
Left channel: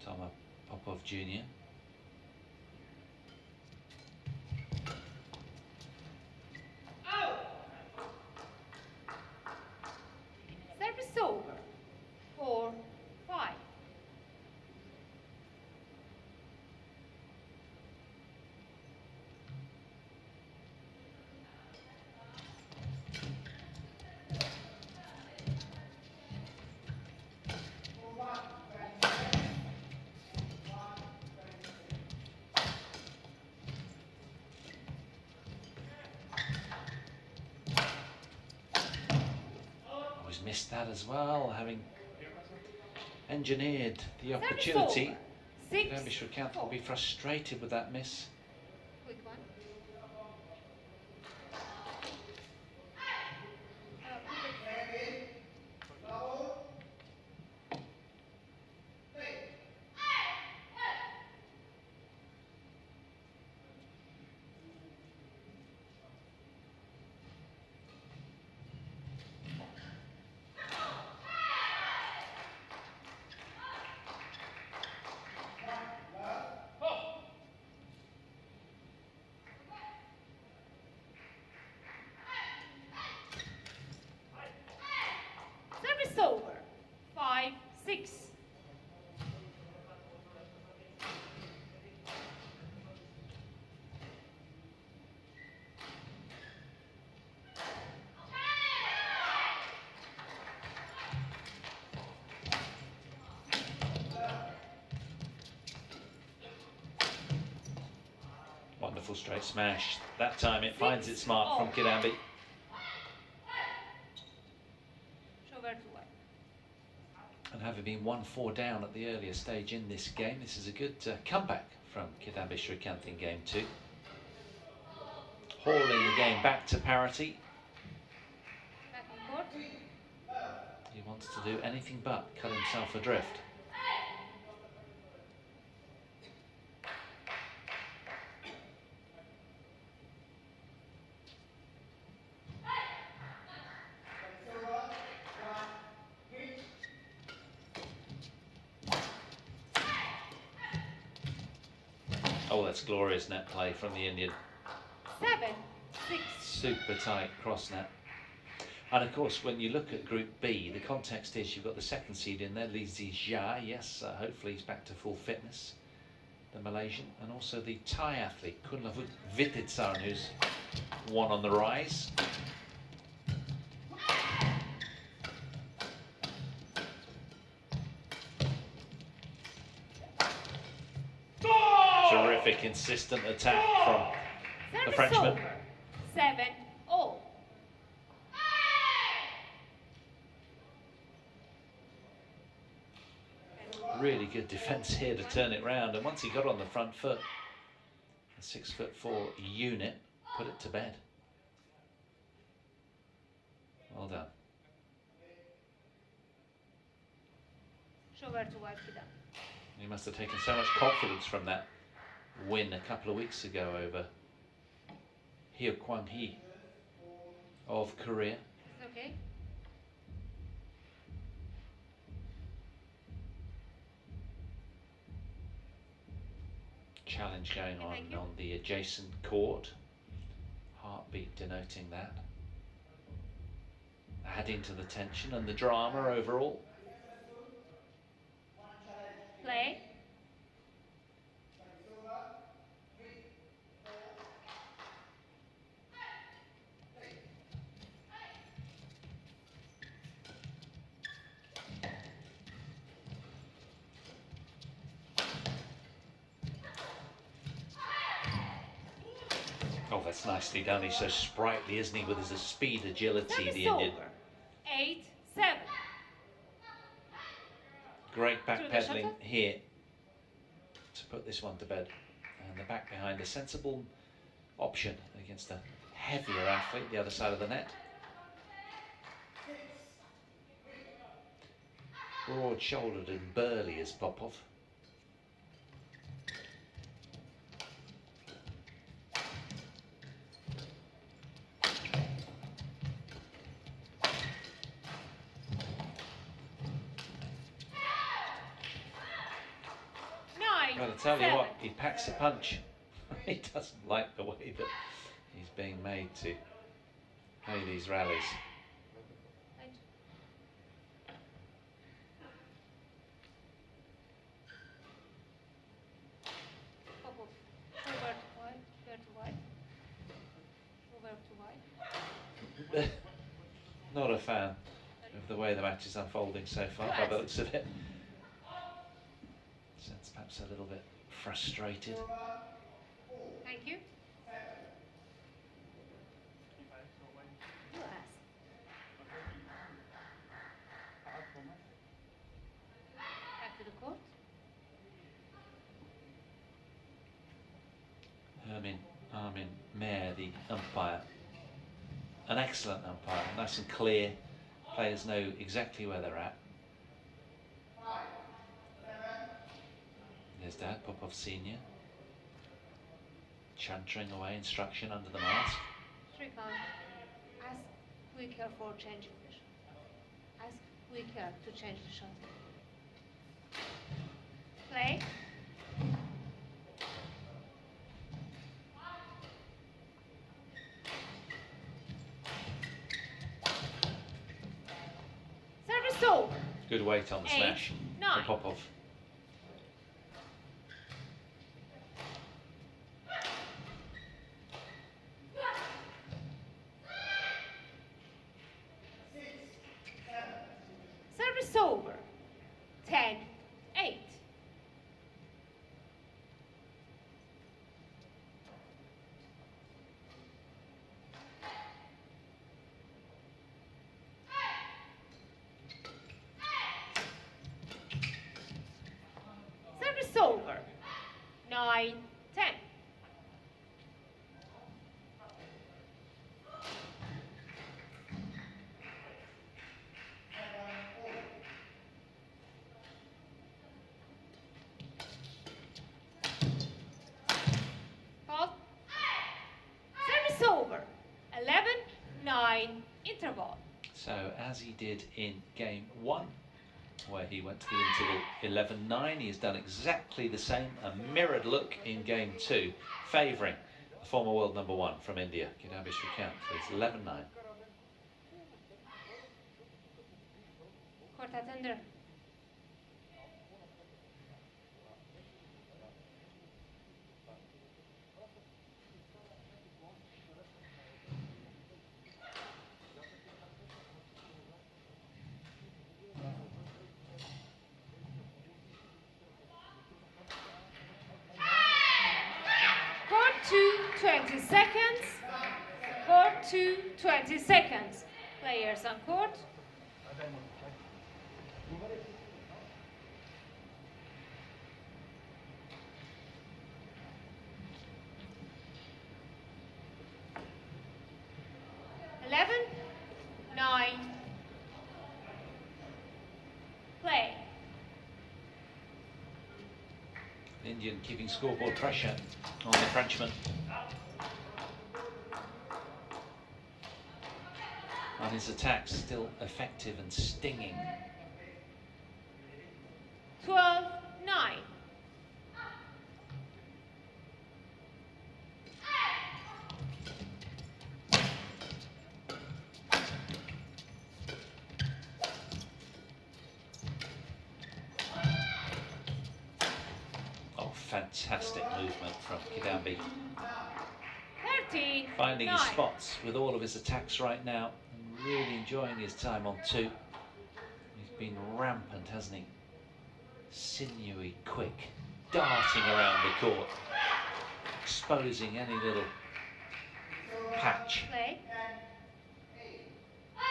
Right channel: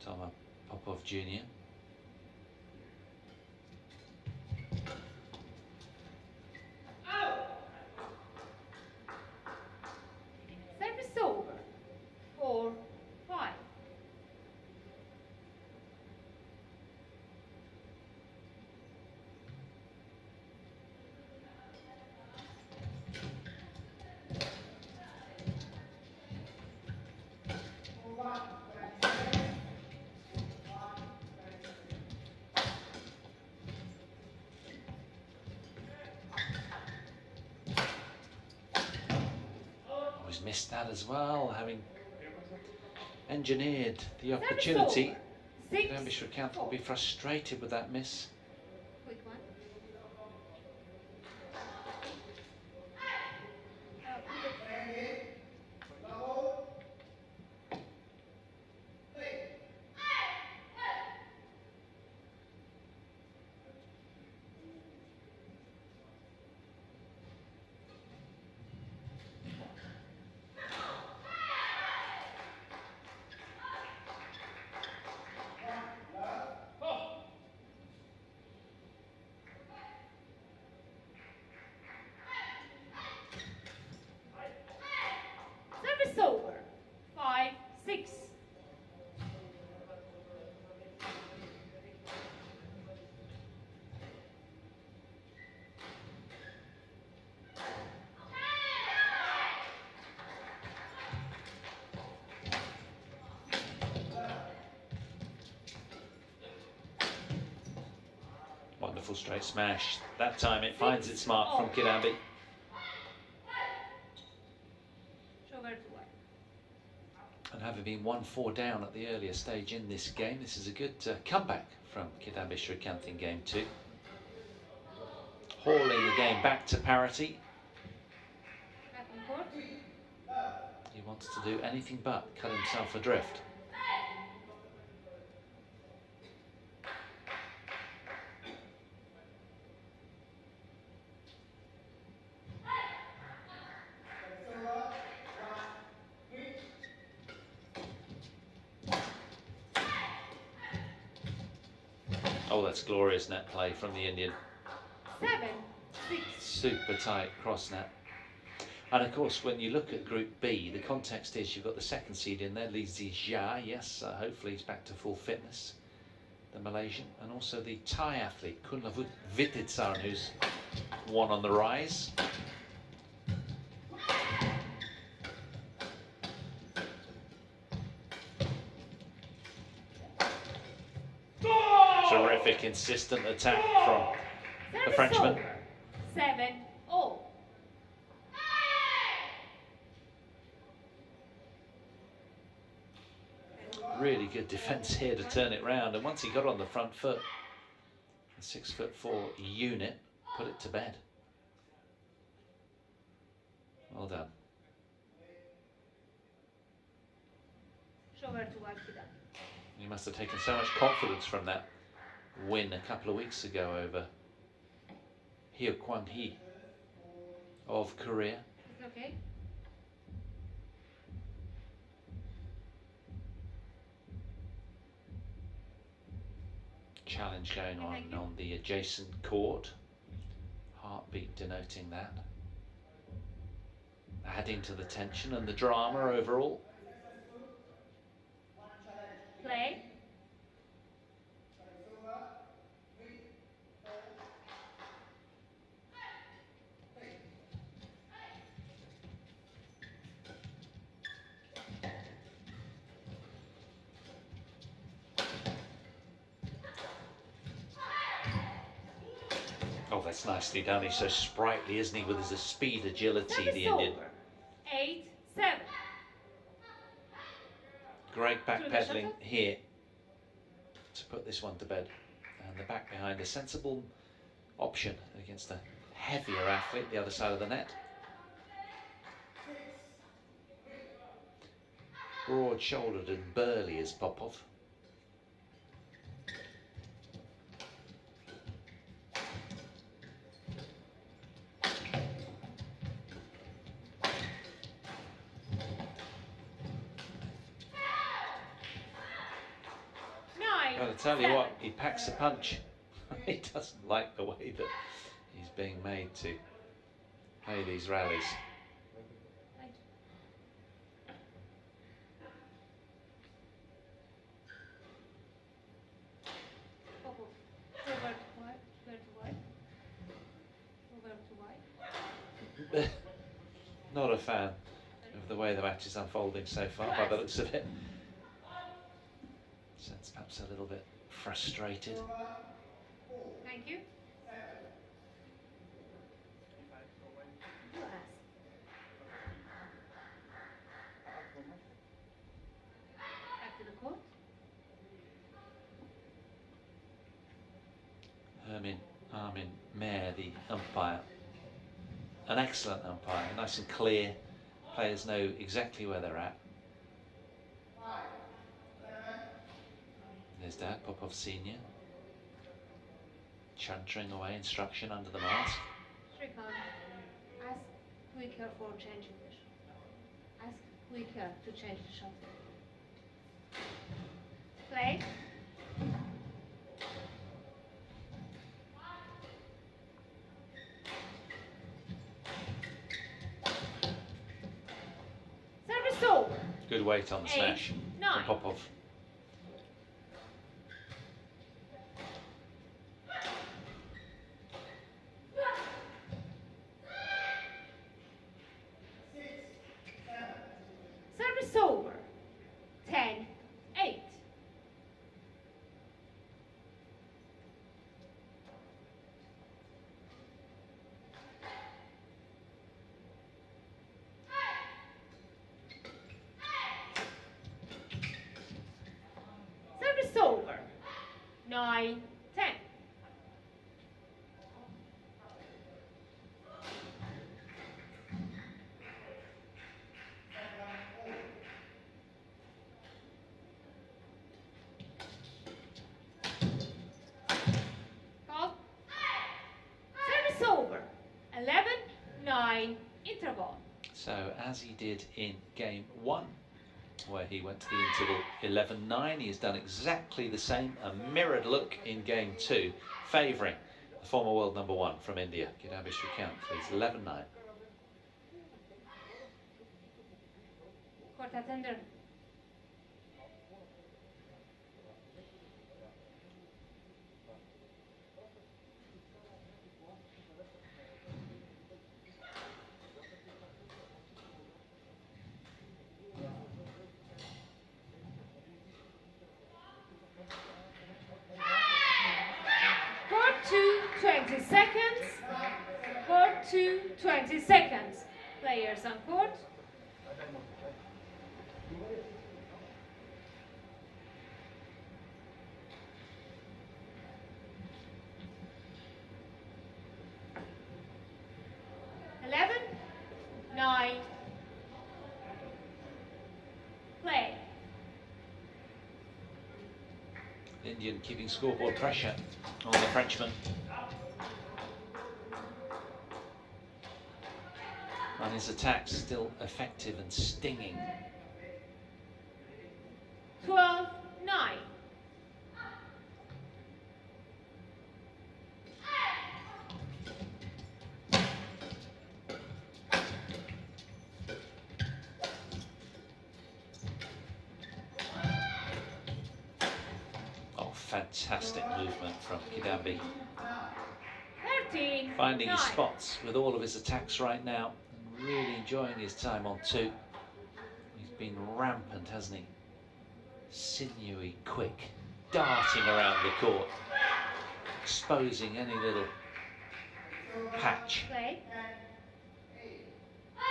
Toma Popov Jr. Service over. 4, 5. Always missed that as well, having engineered the opportunity. Kidambi Srikanth will be frustrated with that miss. Quick one. Service over. 5, 6. Wonderful straight smash. That time it finds its mark from Kidambi. And having been 1-4 down at the earlier stage in this game, this is a good comeback from Kidambi Srikanth in game 2. Hauling the game back to parity. He wants to do anything but cut himself adrift. Oh, that's glorious net play from the Indian. 7, 6. Super tight cross net. And of course, when you look at Group B, the context is you've got the second seed in there, Lee Zija. Yes, hopefully he's back to full fitness, the Malaysian, and also the Thai athlete Kunlavut Vititsaran, who's one on the rise. Terrific, insistent attack from the Frenchman. 7-all. Really good defence here to turn it round, and once he got on the front foot, the 6'4" unit put it to bed. Well done. He must have taken so much confidence from that win a couple of weeks ago over Hyo Kwang-hee of Korea. Okay. Challenge going on the adjacent court. Heartbeat denoting that. Adding to the tension and the drama overall. Play. Oh, that's nicely done. He's so sprightly, isn't he, with his speed, agility, the Indian. 8-7. Great backpedaling here to put this one to bed. And the back behind, a sensible option against a heavier athlete, the other side of the net. Broad-shouldered and burly as Popov. But I tell you what, he packs a punch. He doesn't like the way that he's being made to play these rallies. Not a fan of the way the match is unfolding so far, by the looks of it. Sense perhaps a little bit frustrated. Thank you. Back to the court. Armin Mayer, the umpire. An excellent umpire, nice and clear. Players know exactly where they're at. There's Dad, Popov Senior, chuntering away instruction under the mask. Srikanth, ask quicker for changing the shot. Ask quicker to change the shot. Play. Service over. Good weight on the smash from Popov. Service over. 10-8. Service over. 9-10. Service over. 11-9 interval. So as he did in game 1, where he went to the interval 11-9. He has done exactly the same, a mirrored look in game 2, favouring the former world number 1 from India, Kidambi Srikanth. It's 11-9. Court attender. Court 2, 20 seconds. Court 2, 20 seconds. Players on court. Play. Indian keeping scoreboard pressure on the Frenchman. And his attack's still effective and stinging. 12-9. Fantastic movement from Kidambi. 13, Finding his 9. spots with all of his attacks right now and really enjoying his time on 2. He's been rampant, hasn't he? Sinewy, quick, darting around the court, exposing any little patch Play.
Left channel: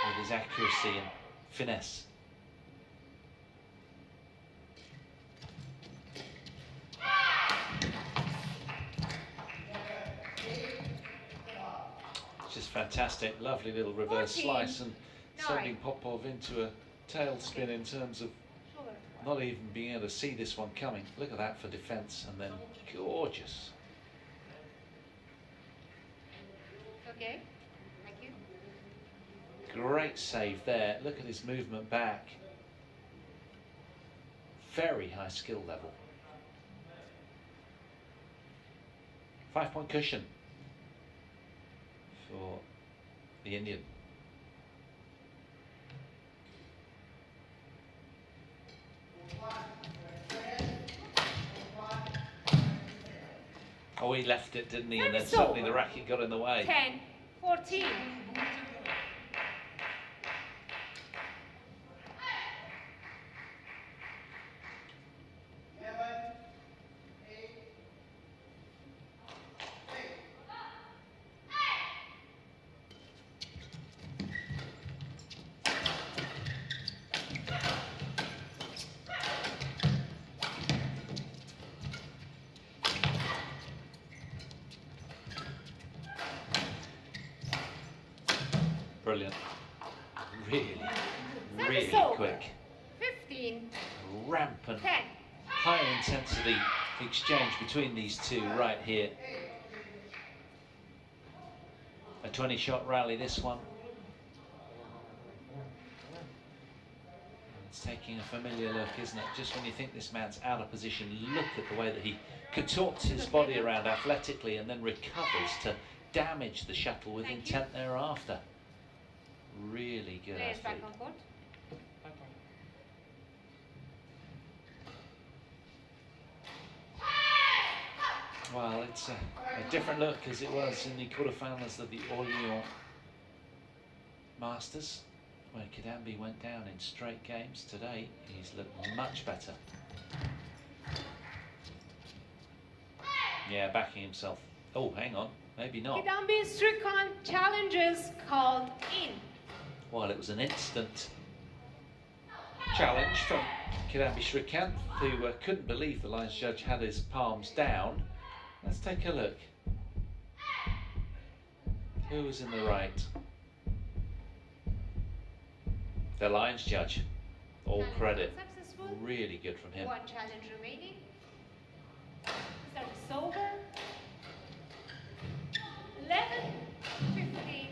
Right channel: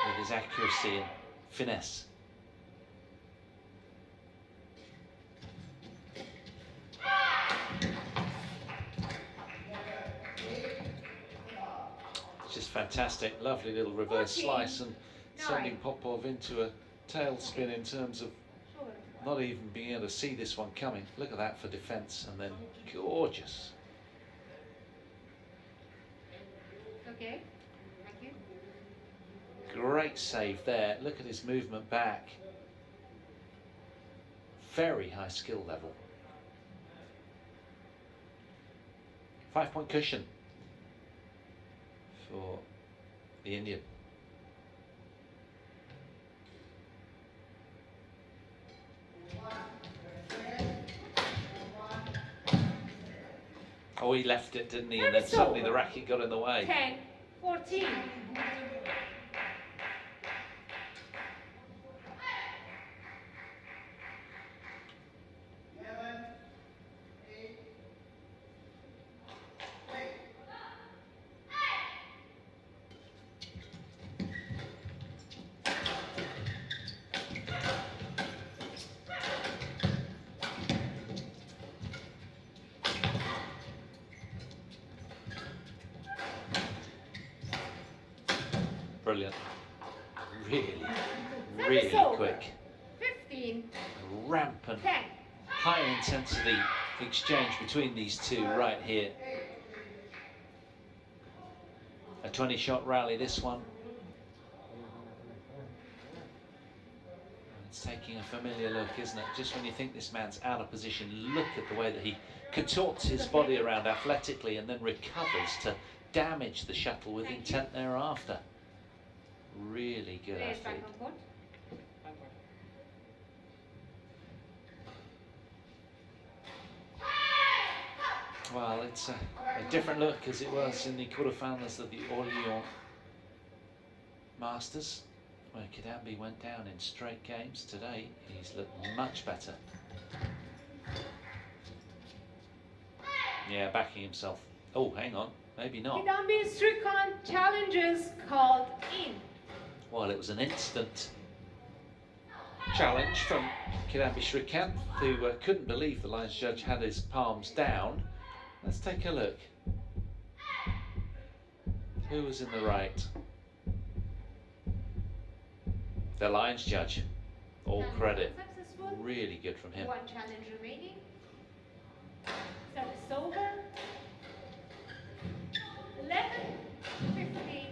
with his accuracy and finesse. Just fantastic, lovely little reverse slice and sending Popov into a tailspin in terms of not even being able to see this one coming. Look at that for defense, and then gorgeous. Okay, thank you. Great save there. Look at his movement back. Very high skill level. 5-point cushion for the Indian. Oh, he left it, didn't he? And then suddenly the racket got in the way. 10-14. Brilliant. Really, really quick. 15. Rampant, 10. high intensity exchange between these two right here. A 20-shot rally, this one. It's taking a familiar look, isn't it? Just when you think this man's out of position, look at the way that he contorts his body around athletically and then recovers to damage the shuttle with intent thereafter. Really good athlete. Well, it's a different look as it was in the quarterfinals of the Orléans Masters, where Kidambi went down in straight games. Today, he's looked much better. Yeah, backing himself. Oh, hang on, maybe not. Kidambi Srikanth challenges called in. Well, it was an instant challenge from Kidambi Srikanth, who couldn't believe the lines judge had his palms down. Let's take a look. Who was in the right? The lines judge. All credit. Successful. Really good from him. One challenge remaining. Service over. 11-15.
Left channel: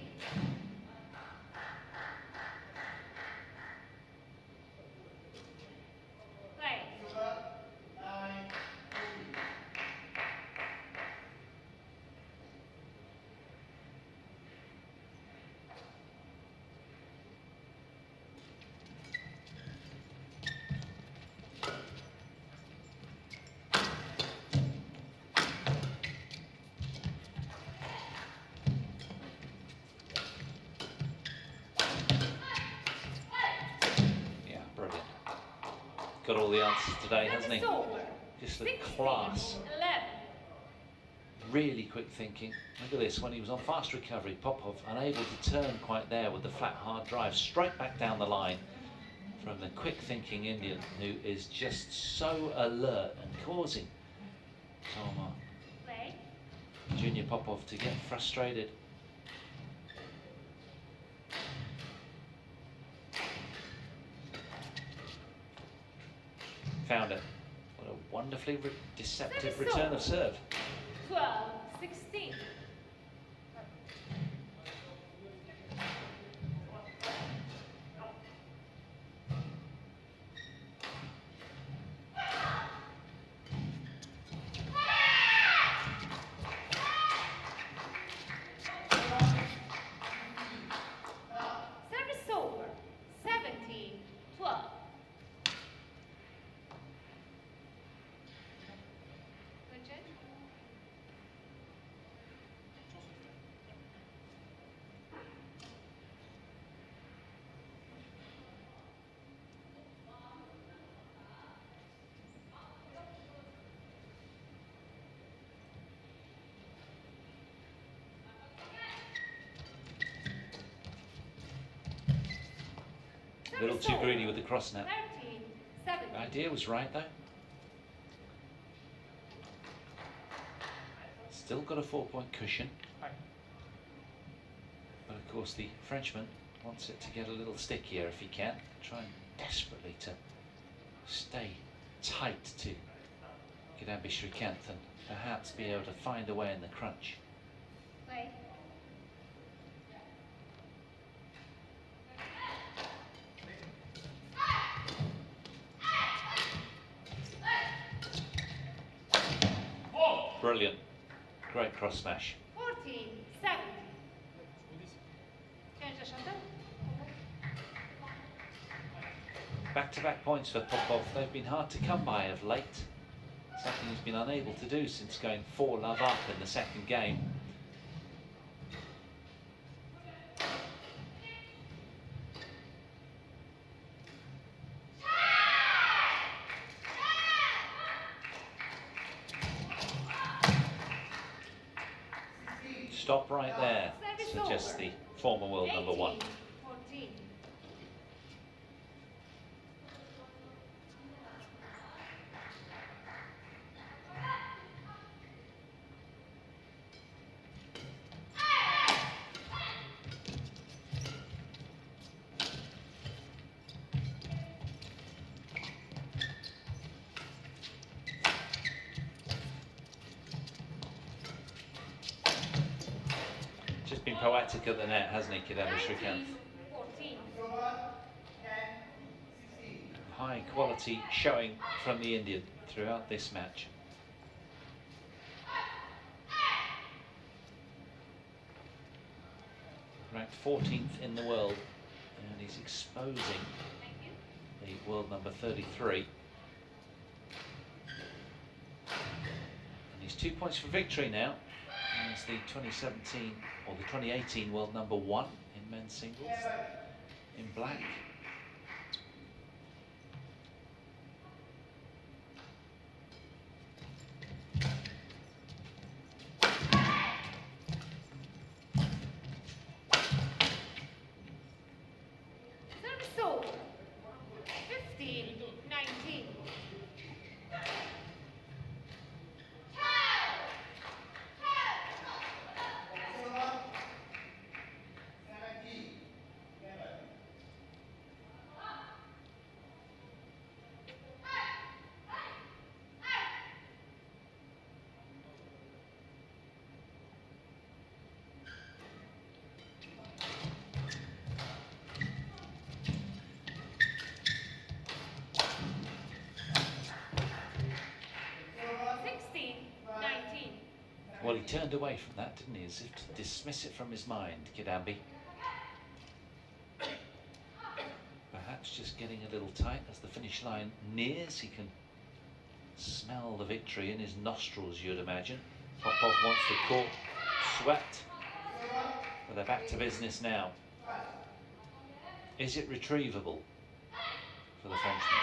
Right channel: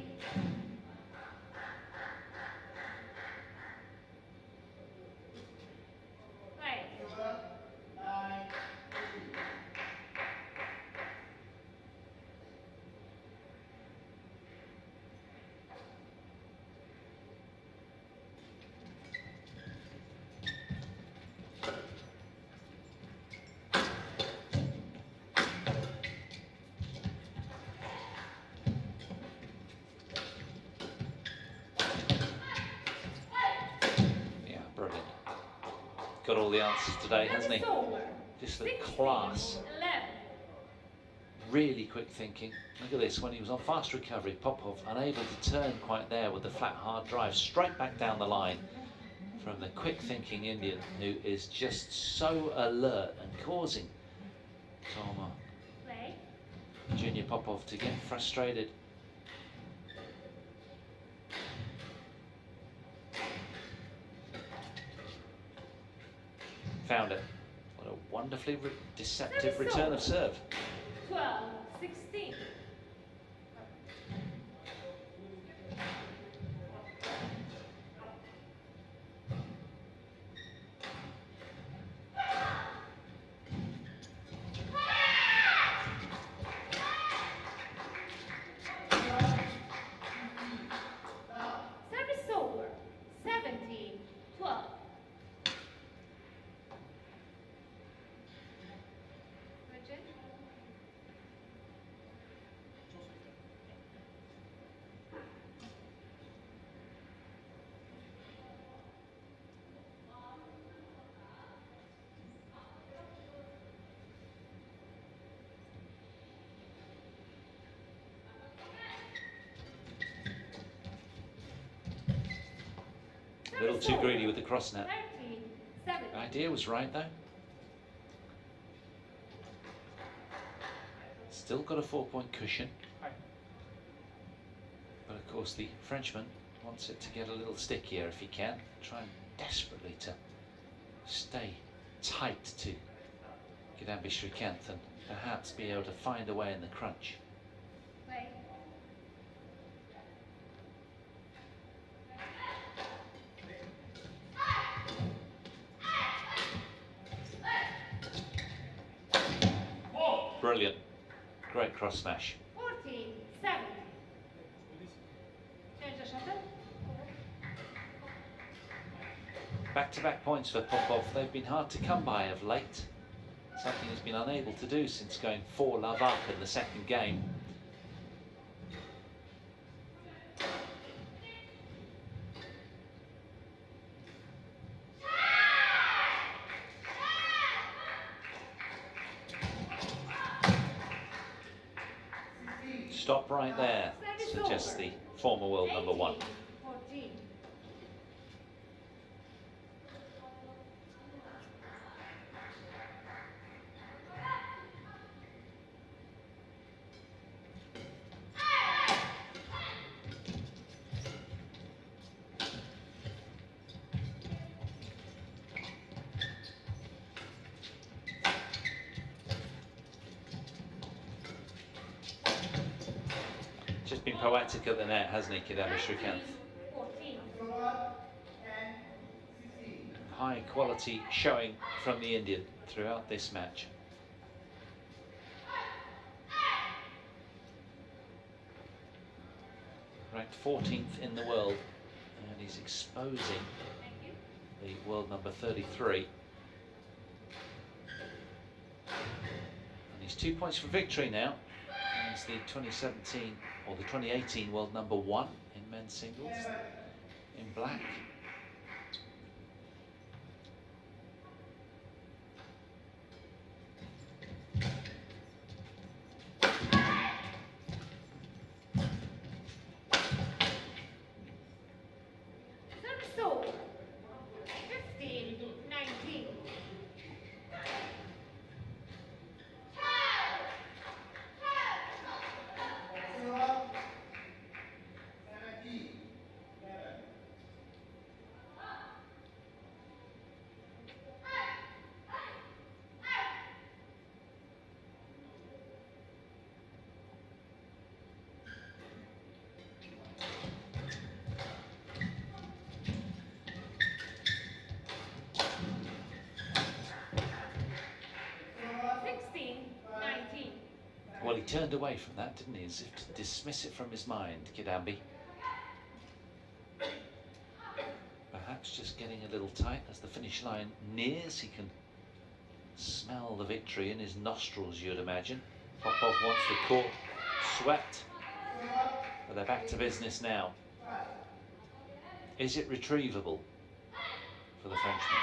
got all the answers today, hasn't he? Over. Just the 16, class. 11. Really quick thinking. Look at this, when he was on fast recovery, Popov unable to turn quite there with the flat hard drive, straight back down the line from the quick thinking Indian, who is just so alert and causing Toma Play. Junior Popov to get frustrated. Found it. What a wonderfully deceptive return of serve. 12, 16. Service over. 17, 12. A little too greedy with the cross net. 13, 7. The idea was right though. Still got a 4-point cushion. But of course the Frenchman wants it to get a little stickier if he can. Trying desperately to stay tight to Kidambi Srikanth and perhaps be able to find a way in the crunch. Play. Brilliant. Great cross smash. 14, 7. Change the shuttle. Back-to-back points for Popov. They've been hard to come by of late. Something he's been unable to do since going 4-love up in the second game. Stop right there, suggests the former world number 1. 14. Just been poetic at the net, hasn't he, Kidambi Srikanth? 14. High quality showing from the Indian throughout this match. Ranked 14th in the world, and he's exposing the world number 33. And he's 2 points for victory now. He's the 2017 or the 2018 world number 1 in men's singles in black. Service over. 15, 19. Well, he turned away from that, didn't he? As if to dismiss it from his mind, Kidambi. Perhaps just getting a little tight as the finish line nears. He can smell the victory in his nostrils, you'd imagine. Popov wants the court swept. But they're back to business now. Is it retrievable for the Frenchman?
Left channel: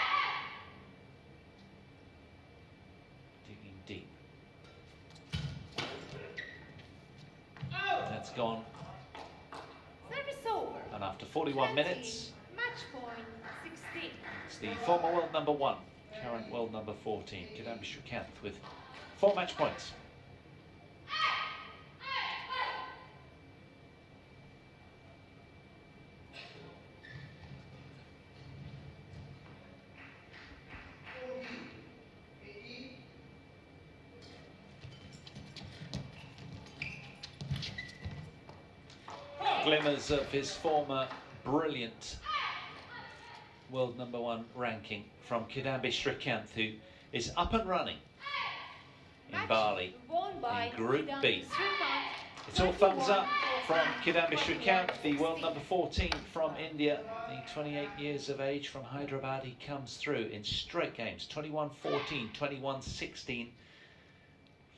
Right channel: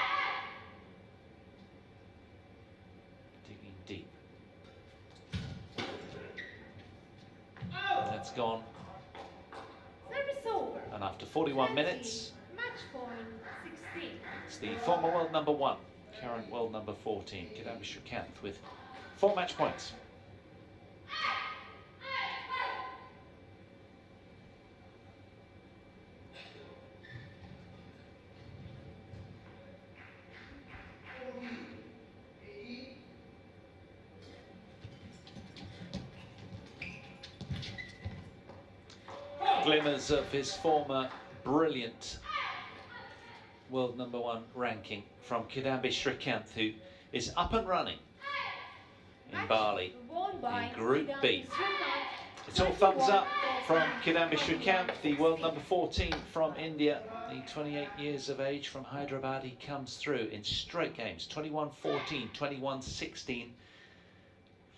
Service over. And after 41 minutes, Match point 16. it's the former world number 1, current world number 14, Kidambi Srikanth, with 4 match points. Glimmers of his former brilliant world number 1 ranking from Kidambi Srikanth, who is up and running in Bali in Group B. It's all thumbs up from Kidambi Srikanth, the world number 14 from India, the 28 years of age from Hyderabad. He comes through in straight games, 21-14, 21-16,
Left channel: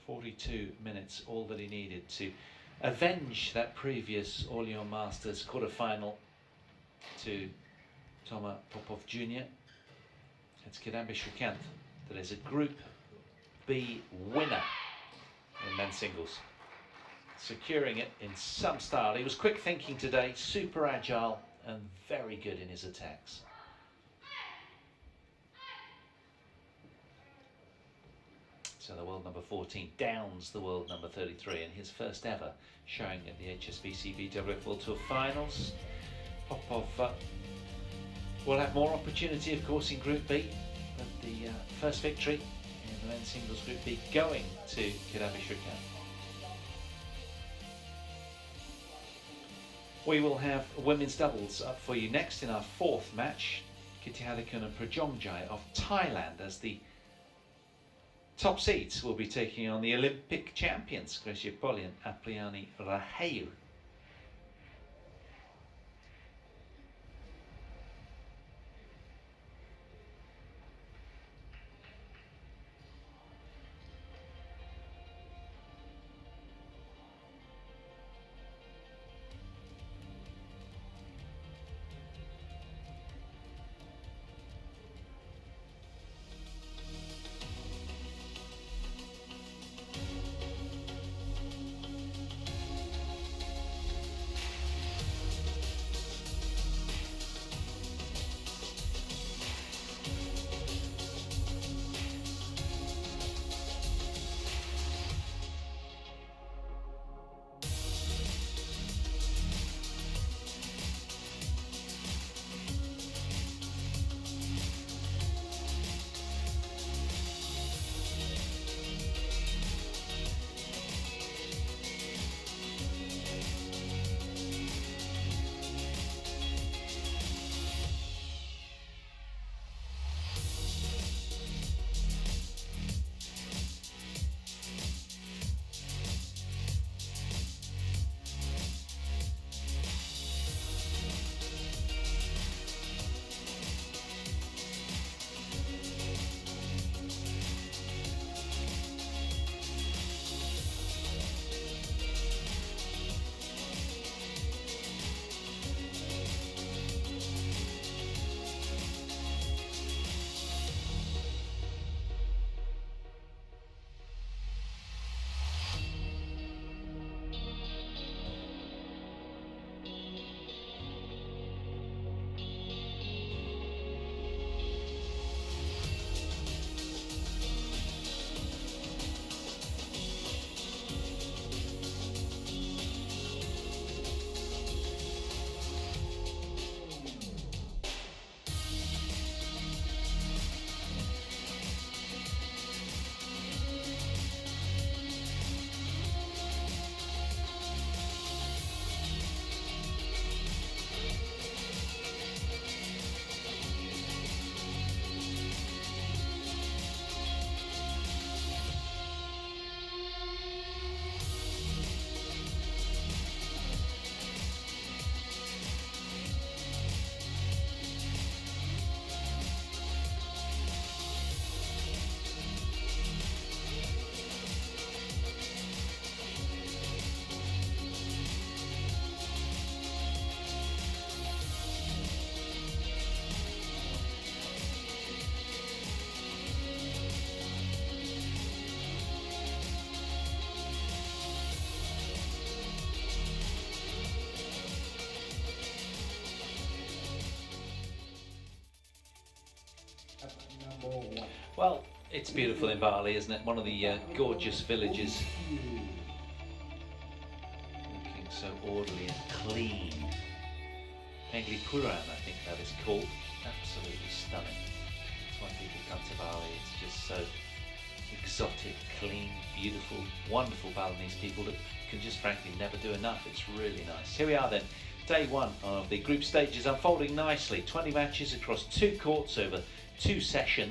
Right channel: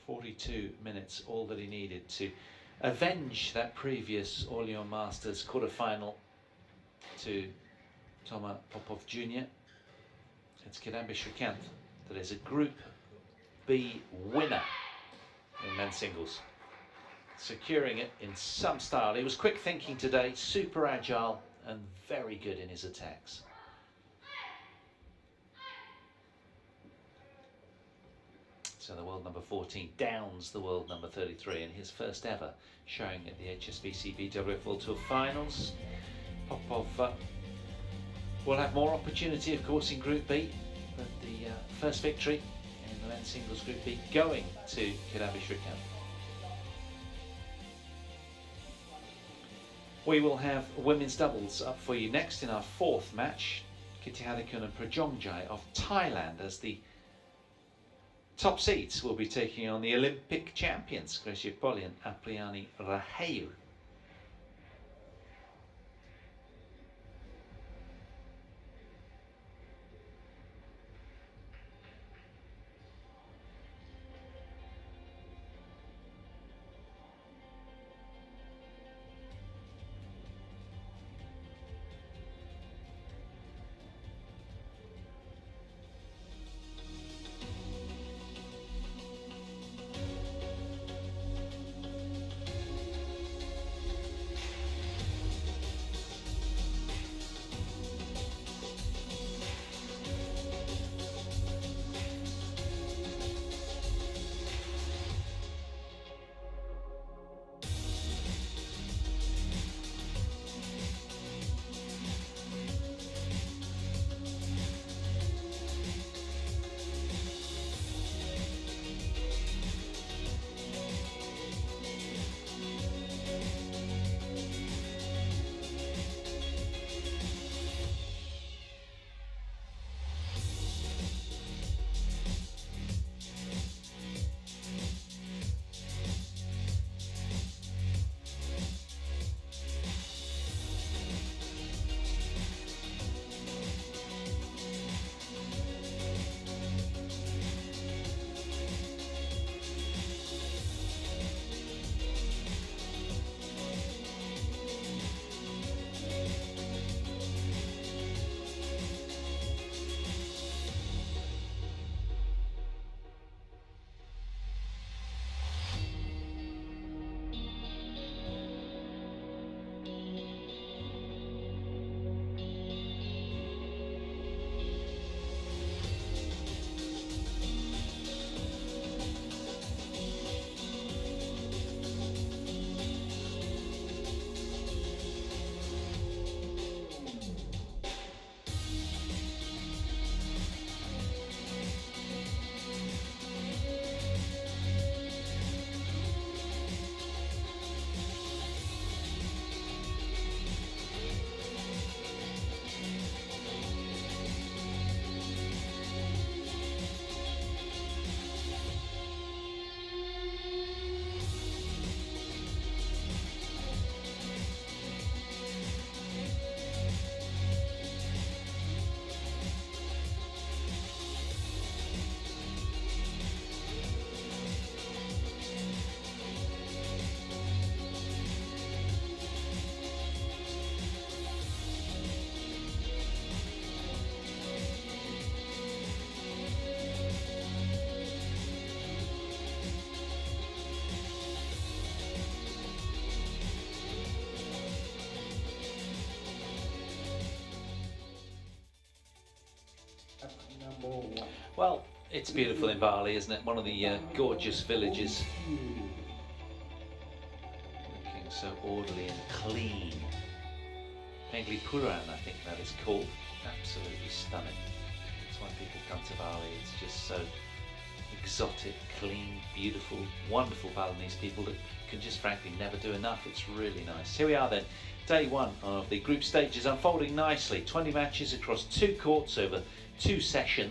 42 minutes, all that he needed to avenge that previous All-Young Masters quarter-final to Toma Popov Jr. It's Kidambi Srikanth that is a Group B winner in men's singles, securing it in some style. He was quick thinking today, super agile and very good in his attacks. So the world number 14 downs the world number 33 in his first ever showing at the HSBC BWF World Tour finals. Popov will have more opportunity, of course, in Group B, but the first victory in the men's singles Group B going to Kidambi Srikanth. We will have women's doubles up for you next in our 4th match. Kitty Hadikun and Prajongjai of Thailand as the top seeds will be taking on the Olympic champions, Gracia Poli and Apriani Rahayu. Well, it's beautiful in Bali, isn't it? One of the gorgeous villages. Looking so orderly and clean. Penglipuran, I think that is called. Absolutely stunning. That's why people come to Bali. It's just so exotic, clean, beautiful, wonderful Balinese people that can just frankly never do enough. It's really nice. Here we are then. Day one of the group stages unfolding nicely. 20 matches across 2 courts over 2 sessions.